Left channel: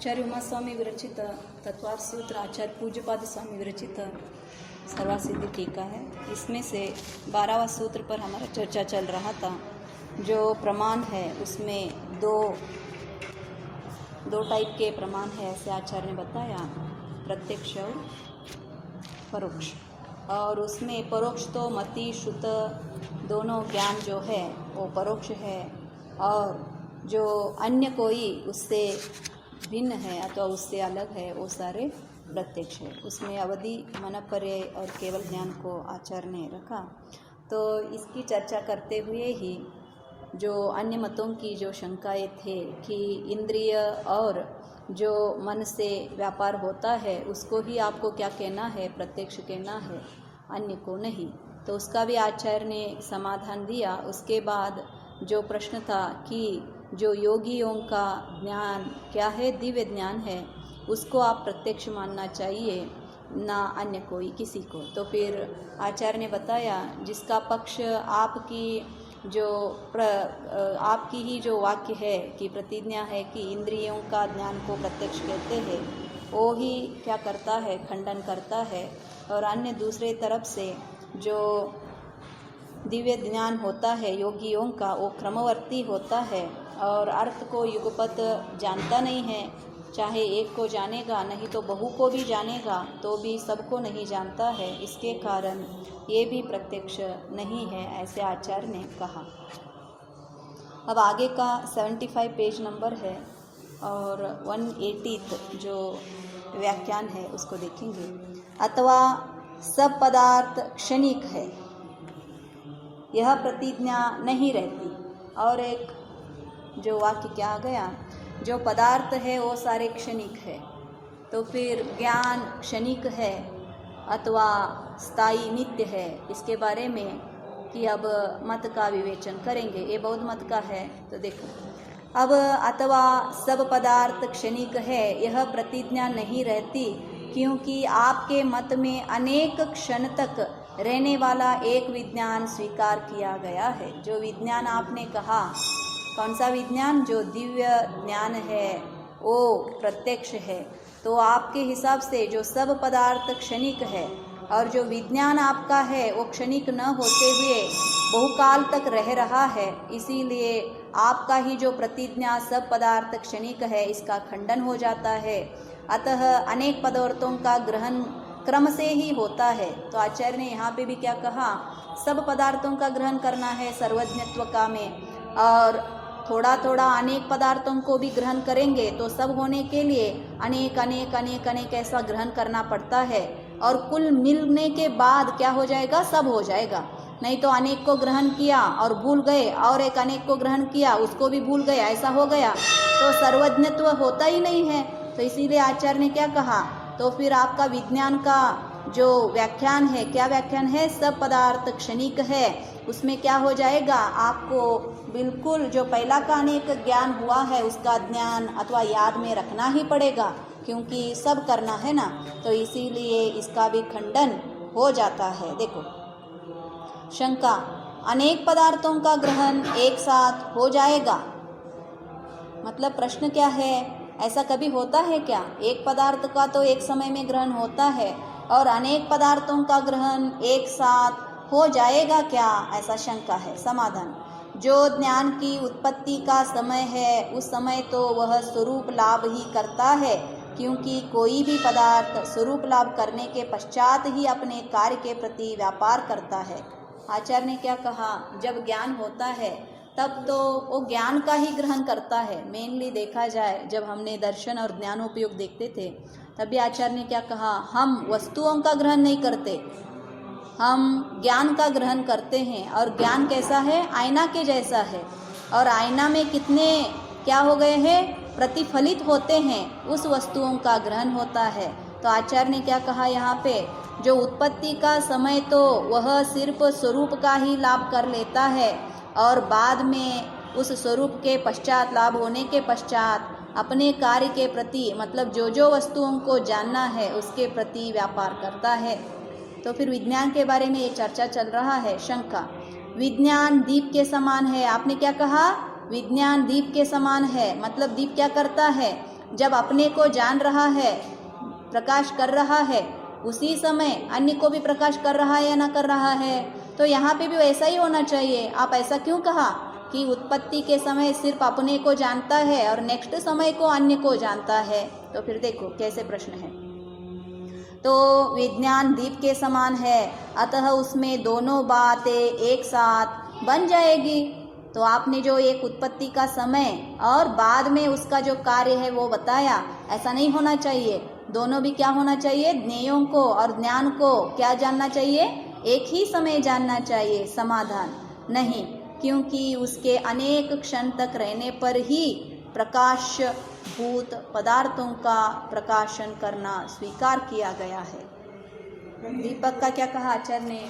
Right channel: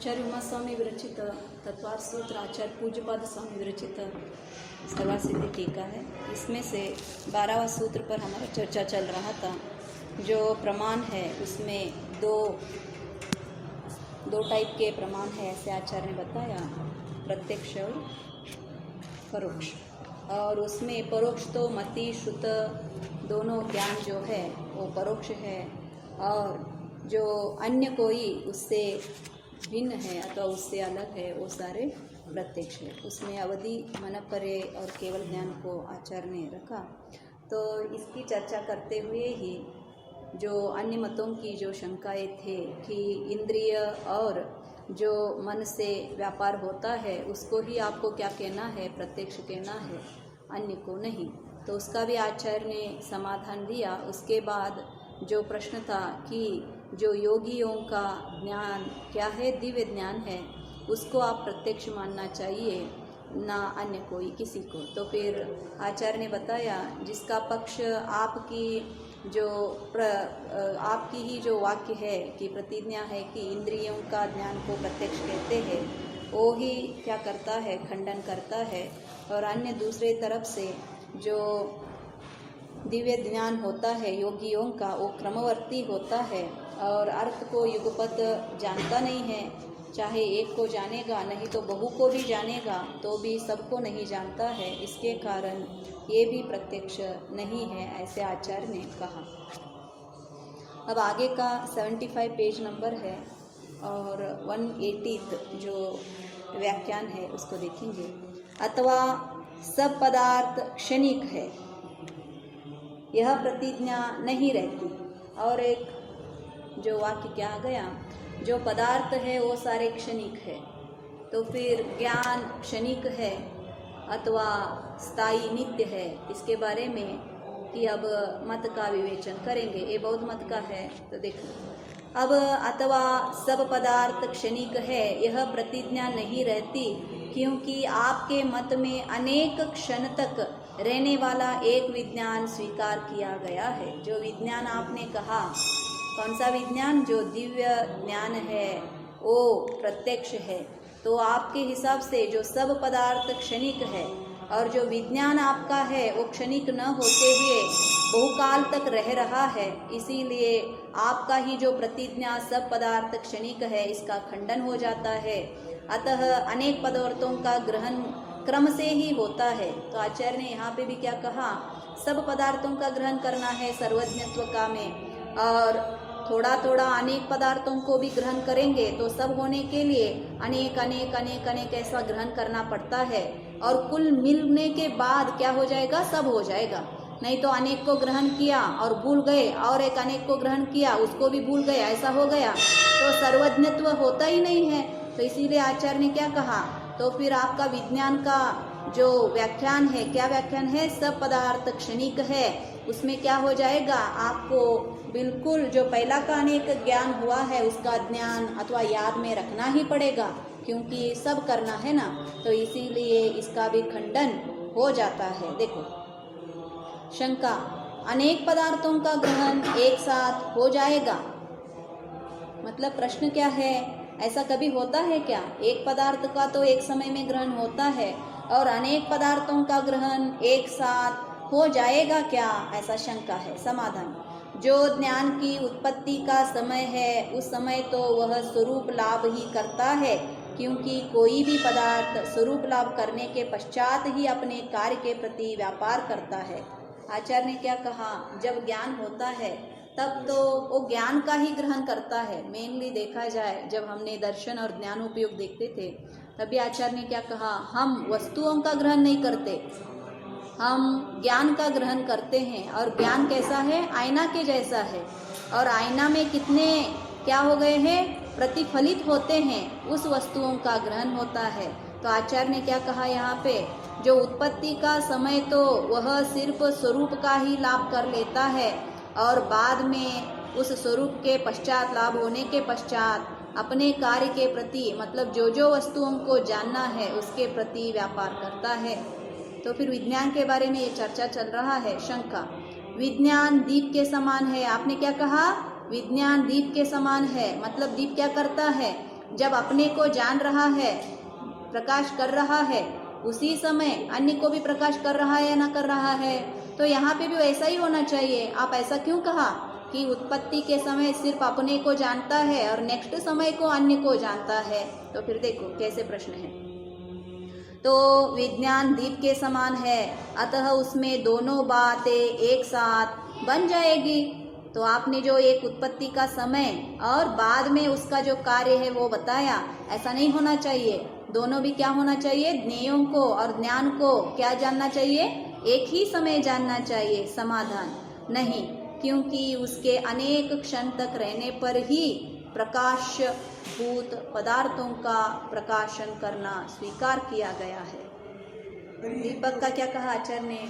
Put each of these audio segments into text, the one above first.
आचार्य उमा स्वामी विरचित तत्वार्थ सूत्र आचार्य पूज्यपाद स्वामी विरचित सर्वासिद्धि टीका है। इसमें से 12वां सूत्र पर हमारा चर्चा चल रहा था। जो प्रमाण है उसमें दो टाइप के प्रमाण है, ऐसे आचार्य ने बताया, प्रत्यक्ष और परोक्ष। और उसमें परोक्ष तो मति श्रुत दोनों ज्ञान जो है वो परोक्ष है, और जो अन्य कोई उससे भिन्न है अथवा उससे अलग है वो सारे प्रत्यक्ष है। उसमें अवधि, मन परे और केवल ज्ञान को आचार्य ने रखा। तो इसकी चर्चा करते हुए ही जो अन्य मतों की जो शंकाएं थे कि इंद्रिय और जो मन से व्यापार होता है उसको ही आपको क्या कहना है, प्रत्यक्ष कहना है, अन्य को नहीं, तो उसका भी आचार्य ने समाधान दिया। उसके बाद जो प्रश्न था कि जो योगियों का ज्ञान क्या है, दिव्य ज्ञान है, उसको आप प्रत्यक्ष मानना चाहिए, ना अन्य कोई किसी को। तो फिर आचार्य ने बताया जिसका पक्ष आपकी ही जो वाक्य है कि प्रतिज्ञा है कि इंद्रियों का ज्ञान को प्रत्यक्ष कहते हैं, वो ही क्या करता है, खंडन करता है। और अन्य दूसरे तरफ से जो दिव्य ज्ञान होता है योगियों का, वो क्रमवर्ती होता है और अर्थ को युगपत जानता नहीं है। चाहे एक को जानेगा, नहीं तो बहु को भी जानेगा, तो भी सबको नहीं जानता है। इसके कारण ये भी प्रत्यक्ष नहीं है, ऐसे आचार्य ने कहा। अब आगे का 75 पेज नंबर है और 180 जो व्याख्यान है उसको देखेंगे। अथवा सब पदार्थ क्षणिक है, यह प्रतिज्ञा नहीं रहती। और एक जो वाक्य क्या आ गया, जो पदार्थ है वो सारे क्षणिक है, तो फिर ज्ञान क्षणिक है अथवा स्थायी नित्य है, इसके बारे में कि अब मत का विवेचन करेंगे। ये बौद्ध मत का है, तो देखो अब अथवा सब पदार्थ क्षणिक है, यह प्रतिज्ञा नहीं रहती, क्योंकि आपके मत में अनेक क्षण तक रहने वाला एक विज्ञान स्वीकार किया गया है। जो विज्ञान आपने कहा, कौन सा विज्ञान, जो दिव्य ज्ञान है वो प्रत्यक्ष है। तो आपके हिसाब से जो सब पदार्थ क्षणिक है और जो विज्ञान आपका है वो क्षणिक न होते हुए बहुकाल तक रह रहा है, इसीलिए आपका ही जो प्रतिज्ञा सब पदार्थ क्षणिक है इसका खंडन हो जाता है। अतः अनेक पदार्थों का ग्रहण क्रम से ही होता है। तो आचार्य ने यहाँ पे भी क्या कहा, सब पदार्थों का ग्रहण करना है सर्वज्ञत्व का में, और थोड़ा थोड़ा अनेक पदार्थों को भी ग्रहण करेंगे तो सब होने के लिए अनेक अनेक अनेक अनेक ऐसा ग्रहण करना पड़ता है, और कुल मिलने के बाद क्या हो जाएगा, सब हो जाएगा। नहीं तो अनेक को ग्रहण किया और भूल गए, और एक अनेक को ग्रहण किया उसको भी भूल गए, ऐसा हो गया तो सर्वज्ञत्व होता ही नहीं है। तो इसीलिए आचार्य ने क्या कहा, तो फिर आपका विज्ञान का जो व्याख्यान है, क्या व्याख्यान है, सब पदार्थ क्षणिक है, उसमें क्या हो जाएगा, आपको बिल्कुल जो पहला का अनेक ज्ञान हुआ है उसका ज्ञान अथवा याद में रखना ही पड़ेगा, क्योंकि सब करना है ना, तो इसीलिए इसका भी खंडन हो जाता है। देखो शंका, अनेक पदार्थों का ग्रहण एक साथ हो जाएगा, मतलब प्रश्न क्या है, ऐसा कभी होता है क्या, एक पदार्थ का तो एक समय में ग्रहण होता है और अनेक पदार्थों का ग्रहण एक साथ हो जाएगा क्या, ऐसा शंका है। समाधान, जो ज्ञान की उत्पत्ति का समय है उस समय तो वह स्वरूप लाभ ही करता है, क्योंकि कोई भी पदार्थ स्वरूप लाभ करने के पश्चात ही अपने कार्य के प्रति व्यापार करता है। आचार्य ने क्या कहा, जब ज्ञान होता है तब तो वो ज्ञान का ही ग्रहण करता है। मेनली देखा जाए, जब हमने दर्शन और ज्ञानोपयोग देखते थे तभी आचार्य ने क्या कहा, हम वस्तुओं का ग्रहण नहीं करते, हम ज्ञान का ग्रहण करते हैं। और ज्ञान कैसा है, आईना के जैसा है, और आईना में कितने क्या हो गए हैं, प्रतिफलित होते हैं, उस वस्तुओं का ग्रहण होता है। तो आचार्य ने क्या कहा यहाँ पे, जो उत्पत्ति का समय तो वह सिर्फ स्वरूप का ही लाभ कर लेता है, और बाद में उस स्वरूप के पश्चात, लाभ होने के पश्चात अपने कार्य के प्रति, मतलब जो जो वस्तुओं को जानना है उसके प्रति व्यापार करता है। तो फिर विज्ञान के बारे में ये चर्चा चल रहा है। शंका, विज्ञान दीप के समान है, आपने क्या कहा, विज्ञान दीप के समान है, मतलब दीप क्या करता है, जब अपने को जान रहा है, प्रकाश कर रहा है, उसी समय अन्य को भी प्रकाश कर रहा है या ना कर रहा है। तो यहाँ पे भी वैसा ही होना चाहिए। आप ऐसा क्यों कहा कि उत्पत्ति के समय सिर्फ अपने को जानता है और नेक्स्ट समय को अन्य को जानता है? तो फिर देखो कैसे प्रश्न है। तो विज्ञान दीप के समान है, अतः उसमें दोनों बातें एक साथ बन जाएगी। तो आपने जो एक उत्पत्ति का समय और बाद में उसका जो कार्य है वो बताया, ऐसा नहीं होना चाहिए। दोनों भी क्या होना चाहिए? ज्ञेयों को और ज्ञान को क्या जानना चाहिए? एक ही समय जानना चाहिए, समाधान नहीं, क्योंकि उसके अनेक क्षण तक रहने पर ही प्रकाश भूत पदार्थों का प्रकाशन करना स्वीकार किया गया है। दीपक का क्या कहा आचार्य ने?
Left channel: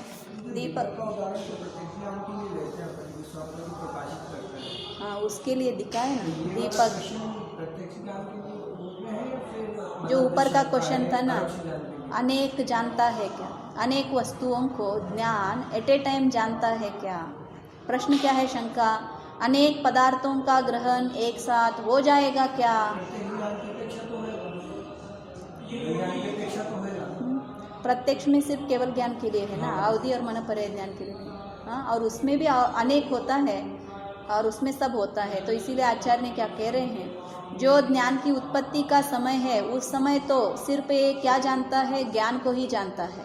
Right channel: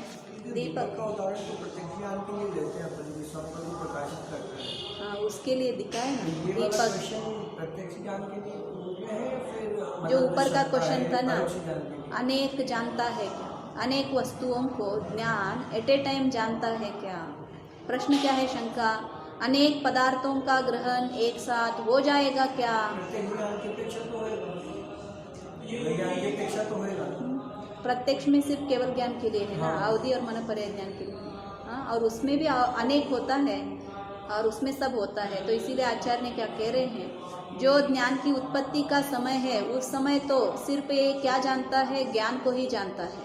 दीपक हाँ, उसके लिए दिखाए ना दीपक। जो ऊपर का क्वेश्चन था ना, अनेक जानता है क्या? अनेक वस्तुओं को ज्ञान एट ए टाइम जानता है क्या? प्रश्न क्या है? शंका, अनेक पदार्थों का ग्रहण एक साथ हो जाएगा क्या? प्रत्यक्ष में सिर्फ केवल ज्ञान के लिए है ना, अवधि और मनपर्य ज्ञान के लिए। हाँ, और उसमें भी अनेक होता है और उसमें सब होता है। तो इसीलिए आचार्य ने क्या कह रहे हैं, जो ज्ञान की उत्पत्ति का समय है उस समय तो सिर्फ ये क्या जानता है? ज्ञान को ही जानता है।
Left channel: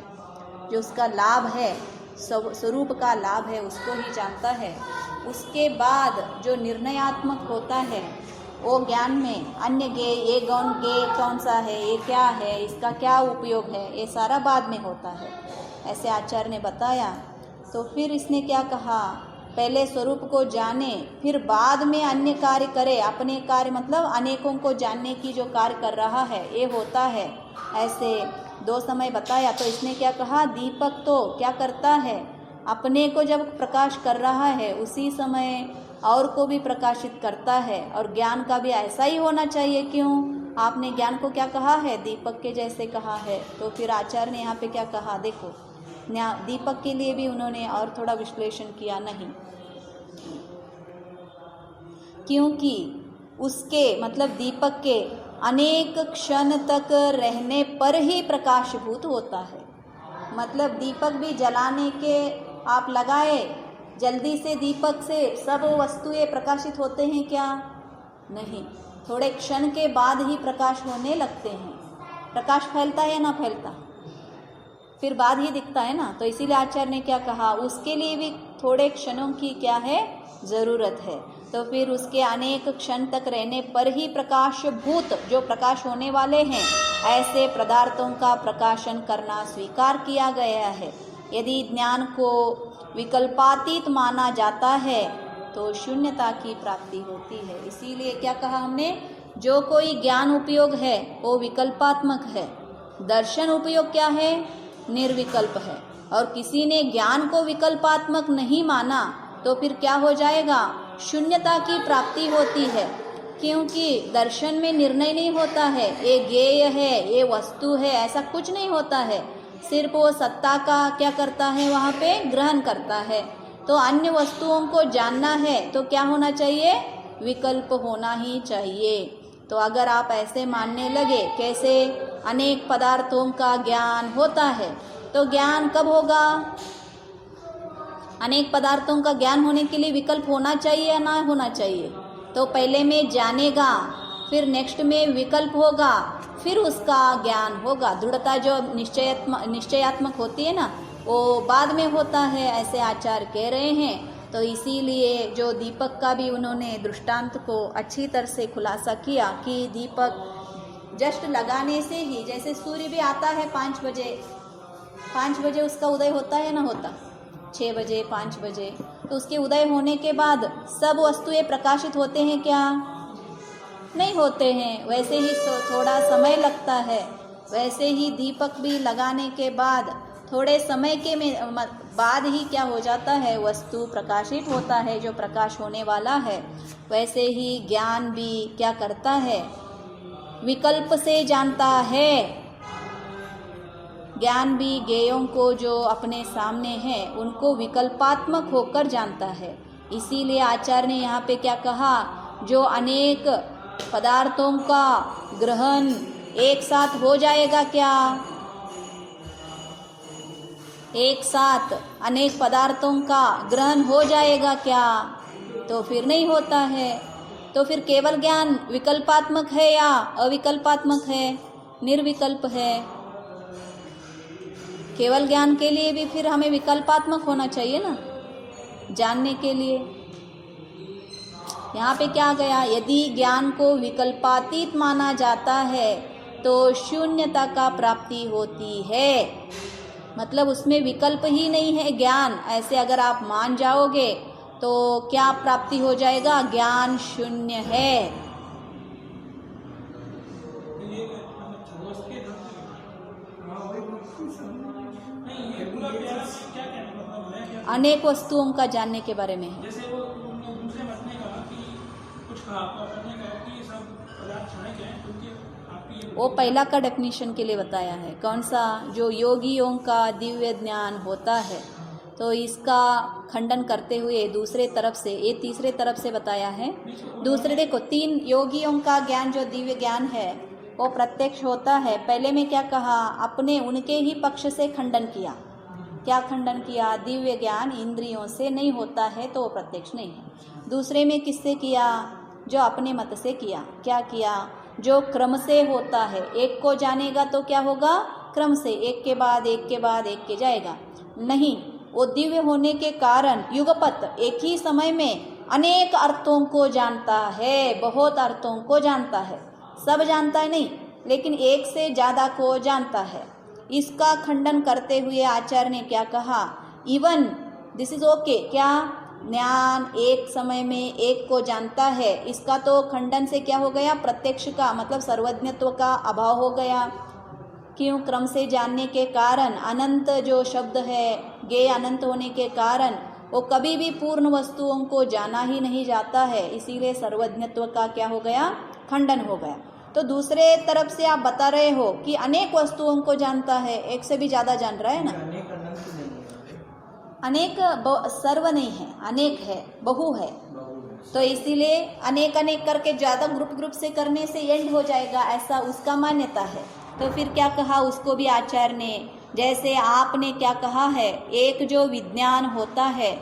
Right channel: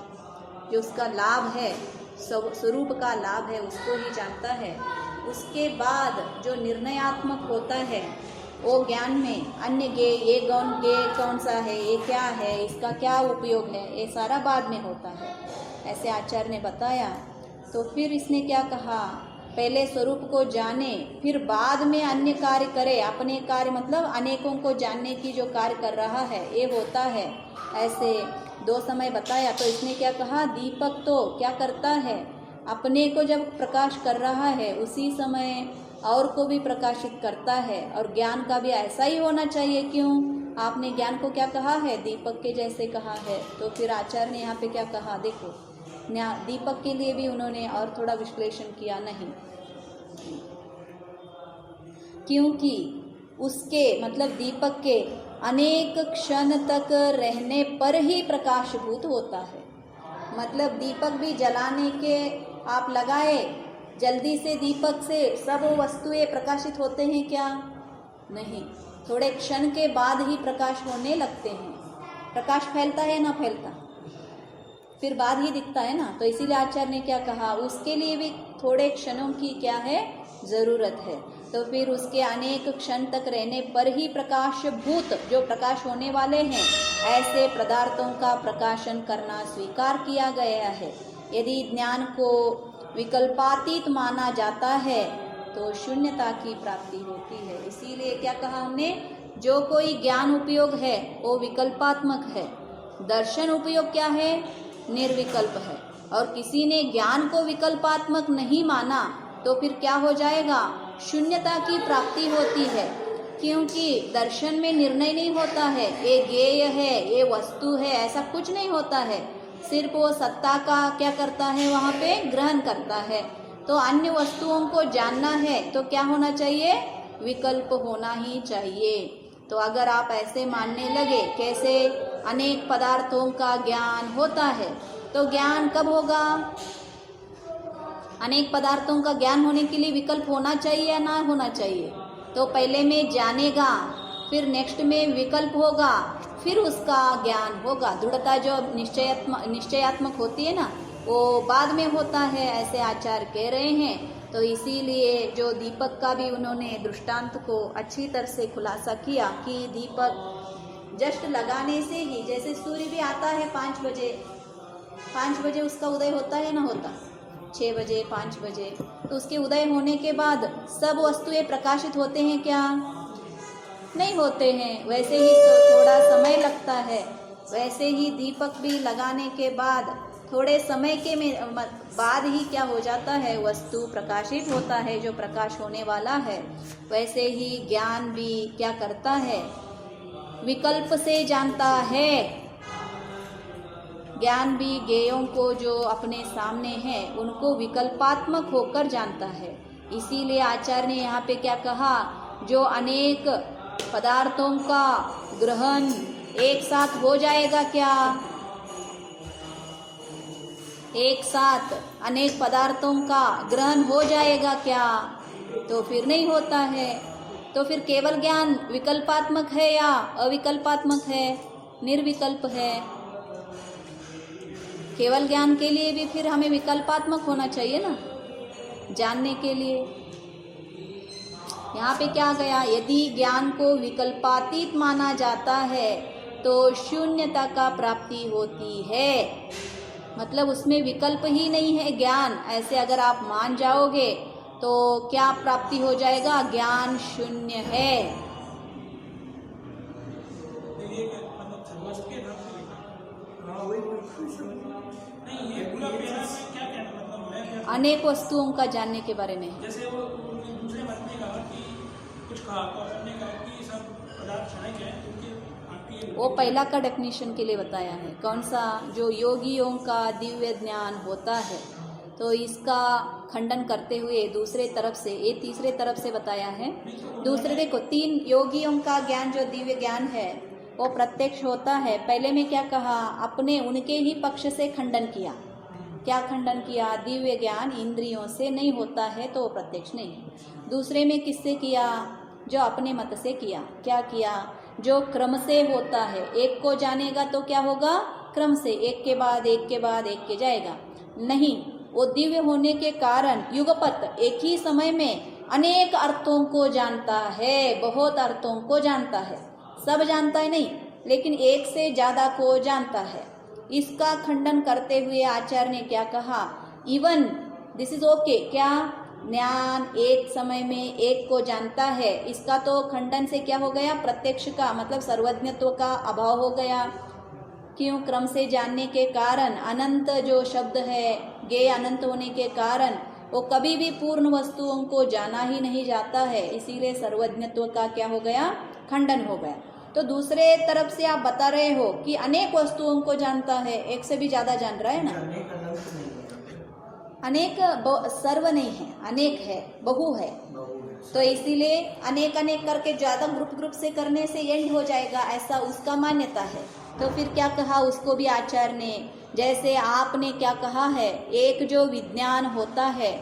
जो उसका लाभ है, स्वरूप का लाभ है, उसको ही जानता है। उसके बाद जो निर्णयात्मक होता है वो ज्ञान में अन्य गे, ये कौन सा है, ये क्या है, इसका क्या उपयोग है, ये सारा बाद में होता है, ऐसे आचार्य ने बताया। तो फिर इसने क्या कहा, पहले स्वरूप को जाने फिर बाद में अन्य कार्य करे। अपने कार्य मतलब अनेकों को जानने की जो कार्य कर रहा है ये होता है। ऐसे दो समय बताया। तो इसने क्या कहा, दीपक तो क्या करता है, अपने को जब प्रकाश कर रहा है उसी समय और को भी प्रकाशित करता है। और ज्ञान का भी ऐसा ही होना चाहिए। क्यों? आपने ज्ञान को क्या कहा है, दीपक के जैसे कहा है। तो फिर आचार्य ने यहाँ पे क्या कहा, देखो दीपक के लिए भी उन्होंने और थोड़ा विश्लेषण किया। नहीं, क्योंकि उसके मतलब दीपक के अनेक क्षण तक रहने पर ही प्रकाशभूत होता है। मतलब दीपक भी जलाने के आप लगाए, जल्दी से दीपक से सब वस्तुएं प्रकाशित होते हैं क्या? नहीं, थोड़े क्षण के बाद ही प्रकाश होने लगते हैं। प्रकाश फैलता है ना फैलता, फिर बाद ही दिखता है ना। तो इसीलिए आचार्य ने क्या कहा, उसके लिए भी थोड़े क्षणों की क्या है, ज़रूरत है। तो फिर उसके अनेक क्षण तक रहने पर ही प्रकाशभूत जो प्रकाश होने वाले हैं ऐसे पदार्थों का प्रकाशन करना स्वीकार किया गया है। यदि ज्ञान को विकल्पातीत माना जाता है तो शून्यता की प्राप्ति होती है। इसीलिए क्या कहा हमने, जो कोई ज्ञान उपयोग है वो विकल्पात्मक है, दर्शन उपयोग क्या है, निर्विकल्प है। और किसी ने ज्ञान को विकल्पात्मक नहीं माना तो फिर क्या हो जाएगा, शून्यता की प्राप्ति होती है। क्योंकि दर्शन में निर्णय नहीं होता है, ये ज्ञेय है, ये वस्तु है, ऐसा कुछ नहीं होता है। सिर्फ वो सत्ता का क्या करता है, वहाँ पे ग्रहण करता है। तो अन्य वस्तुओं को जानना है तो क्या होना चाहिए, विकल्प होना ही चाहिए। तो अगर आप ऐसे मानने लगे, कैसे अनेक पदार्थों का ज्ञान होता है, तो ज्ञान कब होगा, अनेक पदार्थों का ज्ञान होने के लिए विकल्प होना चाहिए या ना होना चाहिए। तो पहले में जानेगा, फिर नेक्स्ट में विकल्प होगा, फिर उसका ज्ञान होगा। दृढ़ता जो निश्चयात्मक होती है ना, वो बाद में होता है, ऐसे आचार्य कह रहे हैं। तो इसीलिए जो दीपक का भी उन्होंने दृष्टांत को अच्छी तरह से खुलासा किया कि दीपक जस्ट लगाने से ही, जैसे सूर्य भी आता है 5 बजे उसका उदय होता है ना, होता 6 बजे 5 बजे, तो उसके उदय होने के बाद सब वस्तुएं प्रकाशित होते हैं क्या, नहीं होते हैं। वैसे ही थोड़ा समय लगता है। वैसे ही दीपक भी लगाने के बाद थोड़े समय के बाद ही क्या हो जाता है, वस्तु प्रकाशित होता है, जो प्रकाश होने वाला है। वैसे ही ज्ञान भी क्या करता है, विकल्प से जानता है। ज्ञान भी ज्ञेयों को जो अपने सामने हैं उनको विकल्पात्मक होकर जानता है। इसीलिए आचार्य ने यहाँ पे क्या कहा, जो अनेक पदार्थों का ग्रहण एक साथ हो जाएगा क्या? एक साथ अनेक पदार्थों का ग्रहण हो जाएगा क्या? तो फिर नहीं होता है। तो फिर केवल ज्ञान विकल्पात्मक है या अविकल्पात्मक है? निर्विकल्प है। केवल ज्ञान के लिए भी फिर हमें विकल्पात्मक होना चाहिए ना, जानने के लिए। यहाँ पे क्या गया? यदि ज्ञान को विकल्पातीत माना जाता है तो शून्यता का प्राप्ति होती है। मतलब उसमें विकल्प ही नहीं है ज्ञान, ऐसे अगर आप मान जाओगे तो क्या प्राप्ति हो जाएगा? ज्ञान शून्य है। अनेक वस्तुओं का जानने के बारे में है। जैसे वो दूसरे मत ने कहा कि कुछ कहा तो आपने कहा कि सब पदार्थ क्षणिक हैं, क्योंकि आपकी वो पहला का डेफिनेशन के लिए बताया है। कौन सा? जो योगियों का दिव्य ज्ञान होता है, तो इसका खंडन करते हुए दूसरे तरफ से, ये तीसरे तरफ से बताया है। दूसरे देखो, 3 योगियों का ज्ञान जो दिव्य ज्ञान है वो प्रत्यक्ष होता है। पहले में क्या कहा? अपने उनके ही पक्ष से खंडन किया। क्या खंडन किया? दिव्य ज्ञान इंद्रियों से नहीं होता है तो वो प्रत्यक्ष नहीं है। दूसरे में किससे किया? जो अपने मत से किया। क्या किया? जो क्रम से होता है, एक को जानेगा तो क्या होगा? क्रम से, एक के बाद एक के बाद एक के जाएगा। नहीं, वो दिव्य होने के कारण युगपत एक ही समय में अनेक अर्थों को जानता है, बहुत अर्थों को जानता है। सब जानता है नहीं, लेकिन एक से ज़्यादा को जानता है। इसका खंडन करते हुए आचार्य ने क्या कहा? Even this is okay. क्या? ज्ञान एक समय में एक को जानता है, इसका तो खंडन से क्या हो गया? प्रत्यक्ष का मतलब सर्वज्ञत्व का अभाव हो गया। क्यों? क्रम से जानने के कारण अनंत जो शब्द है, ज्ञेय अनंत होने के कारण वो कभी भी पूर्ण वस्तुओं को जाना ही नहीं जाता है, इसीलिए सर्वज्ञत्व का क्या हो गया? खंडन हो गया। तो दूसरे तरफ से आप बता रहे हो कि अनेक वस्तुओं को जानता है, एक से भी ज़्यादा जान रहा है ना। अनेक सर्व नहीं है, अनेक है, बहु है। तो इसीलिए अनेक अनेक करके ज़्यादा ग्रुप से करने से एंड हो जाएगा, ऐसा उसका मान्यता है। तो फिर क्या कहा उसको भी आचार्य ने? जैसे आपने क्या कहा है, एक जो विज्ञान होता है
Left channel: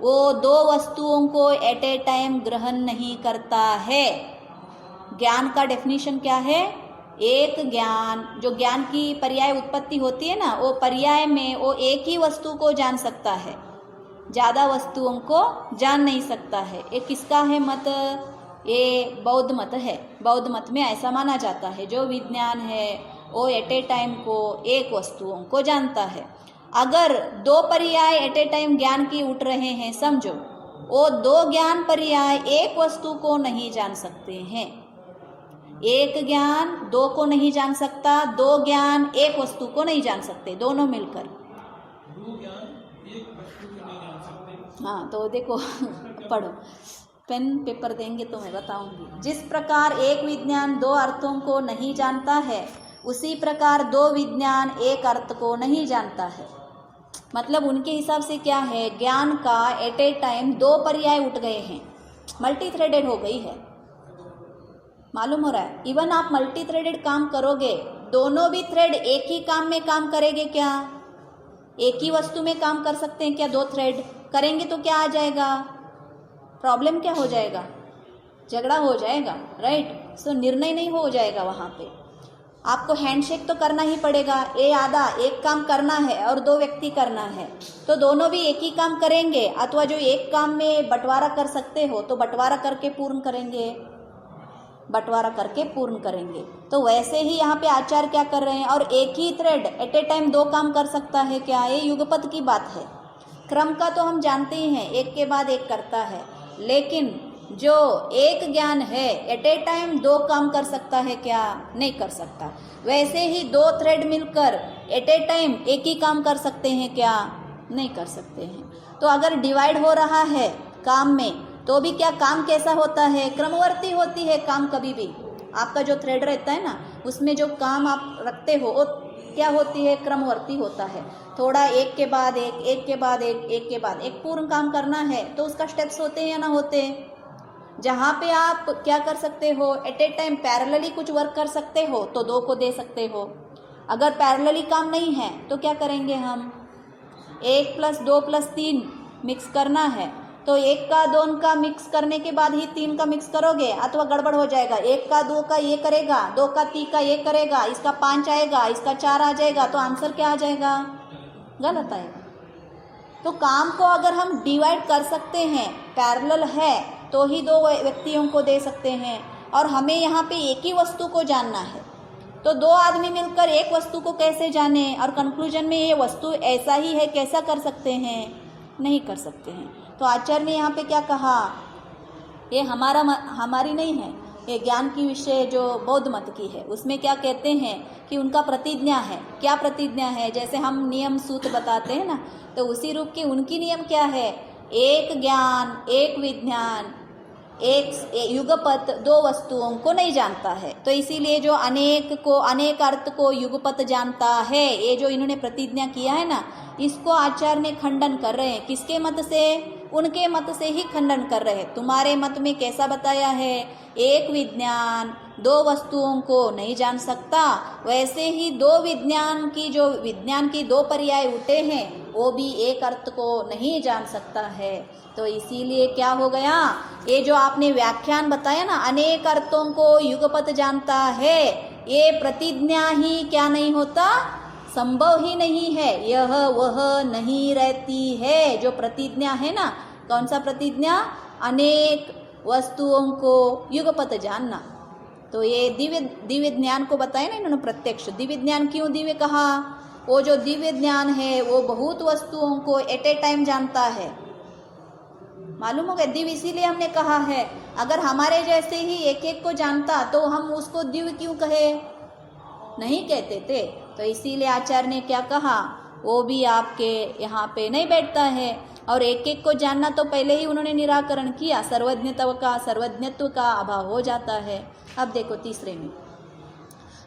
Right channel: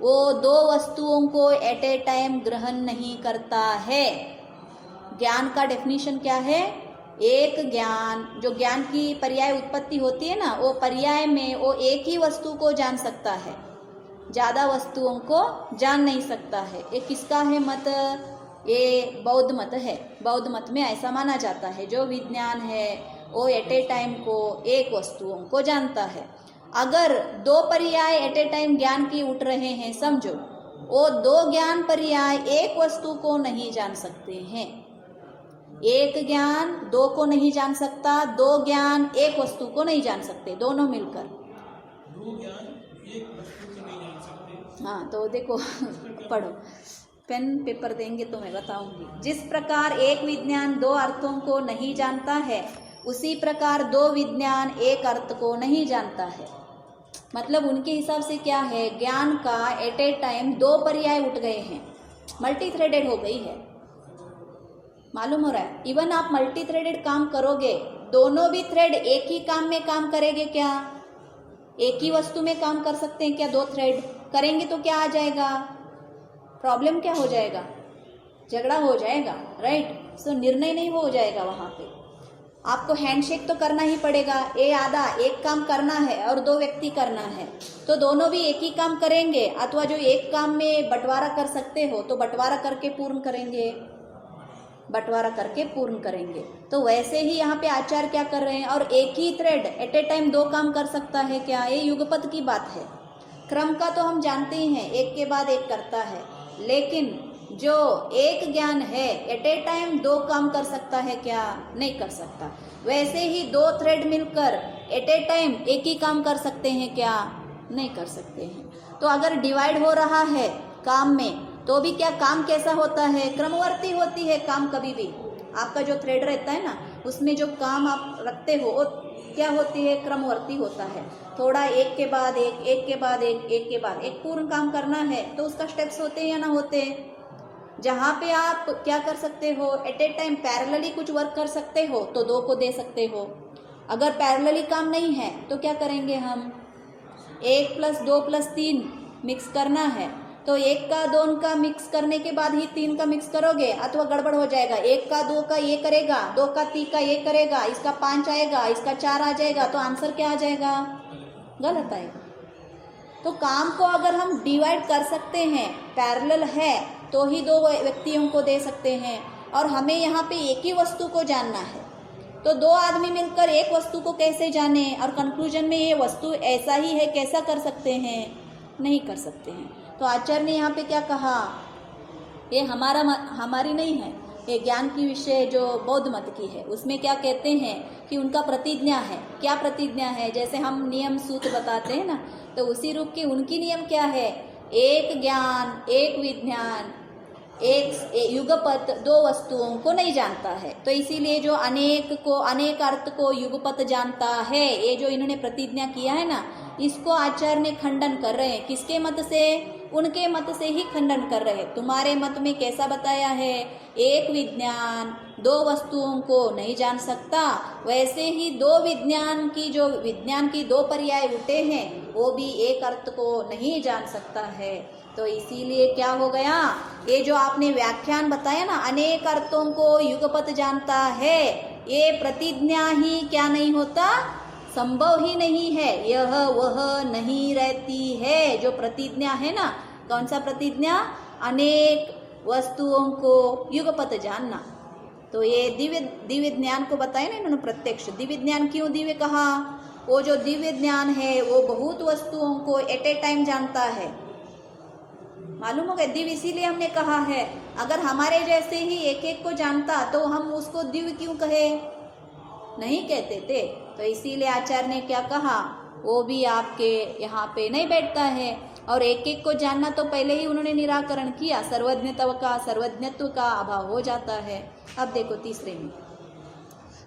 वो 2 वस्तुओं को एट ए टाइम ग्रहण नहीं करता है। ज्ञान का डेफिनेशन क्या है? एक ज्ञान, जो ज्ञान की पर्याय उत्पत्ति होती है ना, वो पर्याय में वो एक ही वस्तु को जान सकता है, ज़्यादा वस्तुओं को जान नहीं सकता है। ये किसका है मत? ये बौद्ध मत है। बौद्ध मत में ऐसा माना जाता है, जो विज्ञान है वो एट ए टाइम को एक वस्तुओं को जानता है। अगर 2 पर्याय एट ए टाइम ज्ञान की उठ रहे हैं, समझो, वो 2 ज्ञान पर्याय एक वस्तु को नहीं जान सकते हैं। एक ज्ञान 2 को नहीं जान सकता, 2 ज्ञान एक वस्तु को नहीं जान सकते, दोनों मिलकर। 2 ज्ञान एक वस्तु को नहीं जान सकते। हाँ, तो देखो पढ़ो, पेन पेपर देंगे तो मैं बताऊंगी। जिस प्रकार एक विज्ञान 2 अर्थों को नहीं जानता है, उसी प्रकार 2 विज्ञान एक अर्थ को नहीं जानता है। मतलब उनके हिसाब से क्या है? ज्ञान का एट ए टाइम 2 पर्याय उठ गए हैं, मल्टी थ्रेडेड हो गई है। मालूम हो रहा है? इवन आप मल्टी थ्रेडेड काम करोगे, दोनों भी थ्रेड एक ही काम में काम करेंगे क्या? एक ही वस्तु में काम कर सकते हैं क्या? 2 थ्रेड करेंगे तो क्या आ जाएगा? प्रॉब्लम क्या हो जाएगा? झगड़ा हो जाएगा, राइट। सो निर्णय नहीं हो जाएगा वहाँ पे। आपको हैंडशेक तो करना ही पड़ेगा। ये आधा एक काम करना है और 2 व्यक्ति करना है, तो दोनों भी एक ही काम करेंगे, अथवा जो एक काम में बंटवारा कर सकते हो तो बंटवारा करके पूर्ण करेंगे, बंटवारा करके पूर्ण करेंगे। तो वैसे ही यहाँ पे आचार्य क्या कर रहे हैं? और एक ही थ्रेड एट ए टाइम 2 काम कर सकता है क्या? ये युगपत की बात है। क्रम का तो हम जानते ही हैं, एक के बाद एक करता है, लेकिन जो एक ज्ञान है एट ए टाइम 2 काम कर सकता है क्या? नहीं कर सकता। वैसे ही 2 थ्रेड मिलकर एट ए टाइम एक ही काम कर सकते हैं क्या? नहीं कर सकते हैं। तो अगर डिवाइड हो रहा है काम में, तो भी क्या काम कैसा होता है? क्रमवर्ती होती है काम। कभी भी आपका जो थ्रेड रहता है ना, उसमें जो काम आप रखते हो वो क्या होती है? क्रमवर्ती होता है। थोड़ा एक के बाद एक, एक के बाद एक, एक के बाद एक पूर्ण काम करना है तो उसका स्टेप्स होते हैं या ना होते हैं? जहाँ पे आप क्या कर सकते हो, एट ए टाइम पैरेलली कुछ वर्क कर सकते हो तो 2 को दे सकते हो। अगर पैरेलली काम नहीं है तो क्या करेंगे हम, 1 + 2 + 3 मिक्स करना है, तो 1 का 2 का मिक्स करने के बाद ही 3 का मिक्स करोगे, अथवा गड़बड़ हो जाएगा। 1 का 2 का ये करेगा, 2 का 3 का ये करेगा, इसका 5 आएगा, इसका 4 आ जाएगा, तो आंसर क्या आ जाएगा, गलत आएगा। तो काम को अगर हम डिवाइड कर सकते हैं, पैरेलल है, तो ही 2 व्यक्तियों को दे सकते हैं। और हमें यहाँ पे एक ही वस्तु को जानना है, तो 2 आदमी मिलकर एक वस्तु को कैसे जाने और कंक्लूजन में ये वस्तु ऐसा ही है कैसा कर सकते हैं, नहीं कर सकते हैं। तो आचार्य ने यहाँ पे क्या कहा, ये हमारी नहीं है, ये ज्ञान की विषय जो बौद्ध मत की है, उसमें क्या कहते हैं कि उनका प्रतिज्ञा है। क्या प्रतिज्ञा है, जैसे हम नियम सूत्र बताते हैं ना, तो उसी रूप के उनकी नियम क्या है, एक ज्ञान, एक विज्ञान, एक युगपत 2 वस्तुओं को नहीं जानता है। तो इसीलिए जो अनेक अर्थ को युगपत जानता है, ये जो इन्होंने प्रतिज्ञा किया है ना, इसको आचार्य ने खंडन कर रहे हैं। किसके मत से, उनके मत से ही खंडन कर रहे हैं। तुम्हारे मत में कैसा बताया है, एक विज्ञान 2 वस्तुओं को नहीं जान सकता, वैसे ही 2 विज्ञान की 2 पर्याय उठे हैं, वो भी एक अर्थ को नहीं जान सकता है। तो इसीलिए क्या हो गया, ये जो आपने व्याख्यान बताया ना, अनेक अर्थों को युगपत जानता है, ये प्रतिज्ञा ही क्या नहीं होता, संभव ही नहीं है, यह वह नहीं रहती है। जो प्रतिज्ञा है ना, कौन सा प्रतिज्ञा, अनेक वस्तुओं को युगपत जानना। तो ये दिव्य ज्ञान को बताया ना इन्होंने, प्रत्यक्ष दिव्य ज्ञान। क्यों दिव्य कहा, वो जो दिव्य ज्ञान है वो बहुत वस्तुओं को एट ए टाइम जानता है, मालूम हो गया। दिव्य इसीलिए हमने कहा है, अगर हमारे जैसे ही एक एक को जानता तो हम उसको दिव्य क्यों कहे, नहीं कहते थे। तो इसीलिए आचार्य ने क्या कहा, वो भी आपके यहाँ पे नहीं बैठता है। और एक एक को जानना तो पहले ही उन्होंने निराकरण किया, सर्वज्ञत्व का अभाव हो जाता है। अब देखो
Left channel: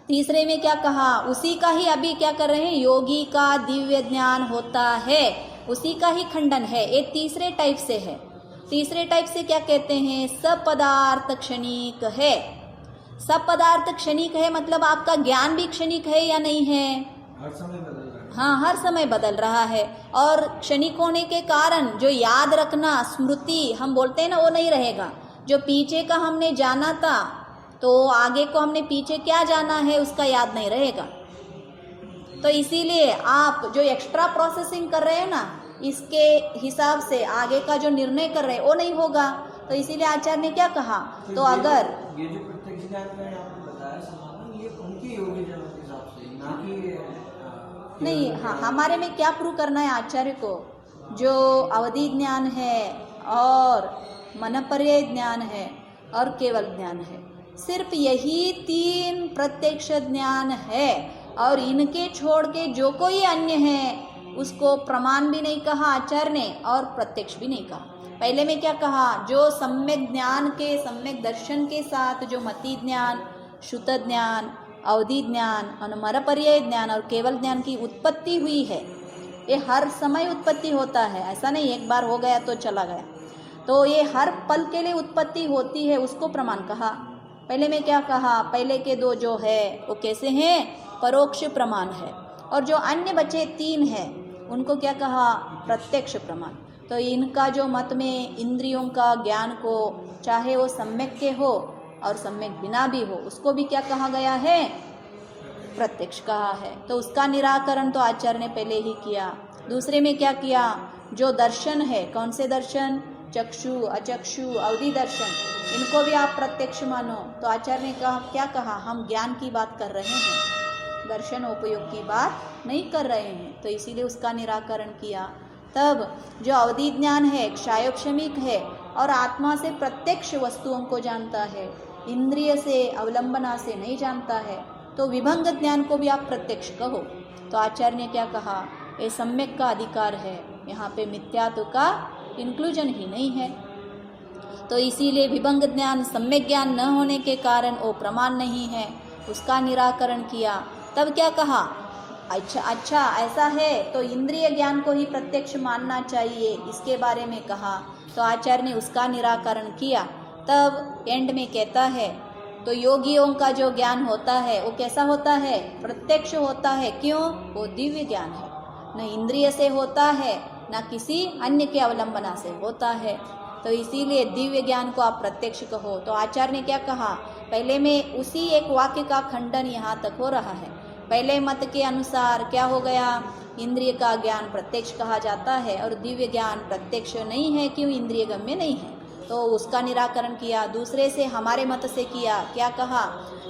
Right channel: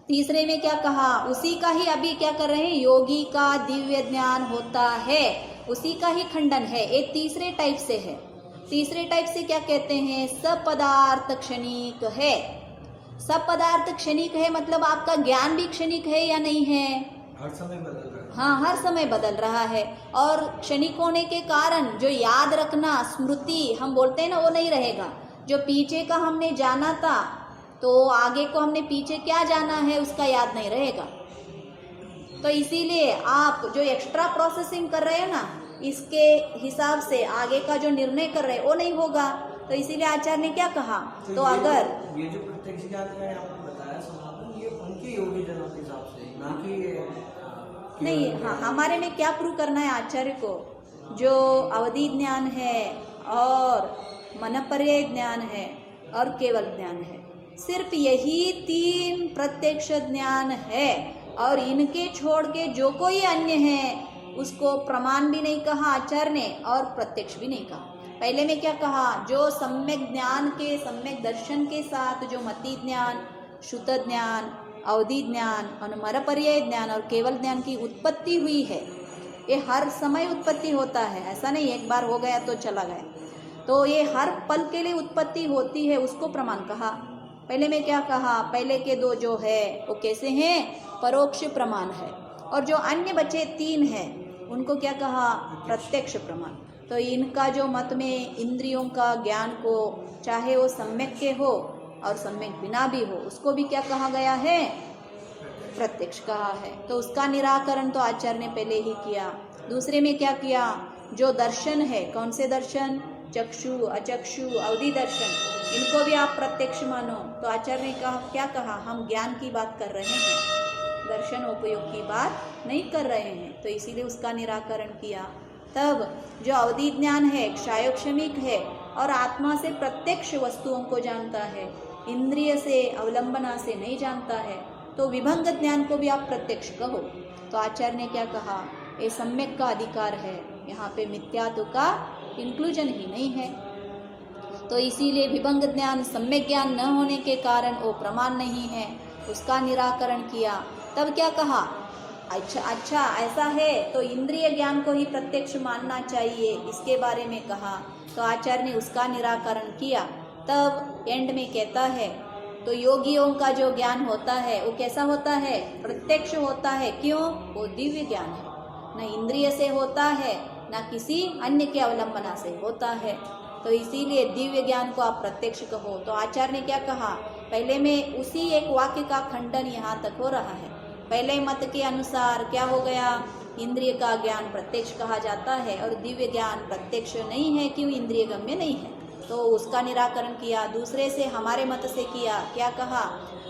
तीसरे में क्या कहा, उसी का ही अभी क्या कर रहे हैं, योगी का दिव्य ज्ञान होता है, उसी का ही खंडन है। ये तीसरे टाइप से है। तीसरे टाइप से क्या कहते हैं, सपदार्थ क्षणिक है। सपदार्थ क्षणिक है मतलब आपका ज्ञान भी क्षणिक है या नहीं है, हर समय बदल रहा है। हाँ, हर समय बदल रहा है। और क्षणिक होने के कारण जो याद रखना, स्मृति हम बोलते हैं ना, वो नहीं रहेगा। जो पीछे का हमने जाना था तो आगे को हमने पीछे क्या जाना है उसका याद नहीं रहेगा। तो इसीलिए आप जो एक्स्ट्रा प्रोसेसिंग कर रहे हैं ना, इसके हिसाब से आगे का जो निर्णय कर रहे हैं वो नहीं होगा। तो इसीलिए आचार्य ने क्या कहा, तो अगर ये जो प्रत्यक्ष ज्ञान का आपने बताया समापन, ये उनके योगी जनों के हिसाब से, ना कि नहीं। हाँ, हमारे में क्या प्रूव करना है आचार्य को, जो अवधि ज्ञान है और मनपर्यय ज्ञान है और केवल ज्ञान है, सिर्फ यही 3 प्रत्यक्ष ज्ञान है। और इनके छोड़ के जो कोई अन्य है उसको प्रमाण भी नहीं कहा आचार्य ने और प्रत्यक्ष भी नहीं कहा। पहले में क्या कहा, जो सम्यक ज्ञान के, सम्यक दर्शन के साथ जो मति ज्ञान, श्रुत ज्ञान, अवधि ज्ञान, अनुमरपर्यय ज्ञान और केवल ज्ञान की उत्पत्ति हुई है, ये हर समय उत्पत्ति होता है, ऐसा नहीं एक बार हो गया तो चला गया। तो ये हर पल के लिए उत्पत्ति होती है, उसको प्रमाण कहा। पहले में क्या कहा, पहले के 2 जो है वो कैसे हैं, परोक्ष प्रमाण है। और जो अन्य बचे 3 हैं उनको क्या कहा, प्रत्यक्ष प्रमाण। तो इनका जो मत में इंद्रियों का ज्ञान को, चाहे वो सम्यक के हो और सम्यक बिना भी हो, उसको भी क्या कहा गया है, प्रत्यक्ष कहा है। तो उसका निराकरण तो आचार्य ने पहले ही किया। दूसरे में क्या किया, जो दर्शन है, कौन से दर्शन, चक्षु, अचक्षु, अवधि दर्शन, इनको भी आप प्रत्यक्ष मानो। तो आचार्य ने कहा, क्या कहा, हम ज्ञान की बात कर रहे हैं, दर्शन उपयोग की बात नहीं कर रहे हैं। तो इसीलिए उसका निराकरण किया। तब जो अवधि ज्ञान है क्षायोक्षमिक है और आत्मा से प्रत्यक्ष वस्तुओं को जानता है, इंद्रिय से, अवलंबना से नहीं जानता है, तो विभंग ज्ञान को भी आप प्रत्यक्ष कहो। तो आचार्य ने क्या कहा, ये सम्यक का अधिकार है, यहाँ पे मिथ्यात्व का इंक्लूजन ही नहीं है। तो इसीलिए विभंग ज्ञान, सम्यक ज्ञान न होने के कारण वो प्रमाण नहीं है, उसका निराकरण किया। तब क्या कहा, अच्छा ऐसा है तो इंद्रिय ज्ञान को ही प्रत्यक्ष मानना चाहिए, इसके बारे में कहा। तो आचार्य ने उसका निराकरण किया। तब एंड में कहता है तो योगियों का जो ज्ञान होता है वो कैसा होता है? प्रत्यक्ष होता है। क्यों? वो दिव्य ज्ञान है, न इंद्रिय से होता है न किसी अन्य के अवलंबना से होता है। तो इसीलिए दिव्य ज्ञान को आप प्रत्यक्ष कहो। तो आचार्य ने क्या कहा? पहले में उसी एक वाक्य का खंडन यहाँ तक हो रहा है। पहले मत के अनुसार क्या हो गया? इंद्रिय का ज्ञान प्रत्यक्ष कहा जाता है और दिव्य ज्ञान प्रत्यक्ष नहीं है, क्यों? इंद्रिय गम्य नहीं है। तो उसका निराकरण किया। दूसरे से हमारे मत से किया, क्या कहा?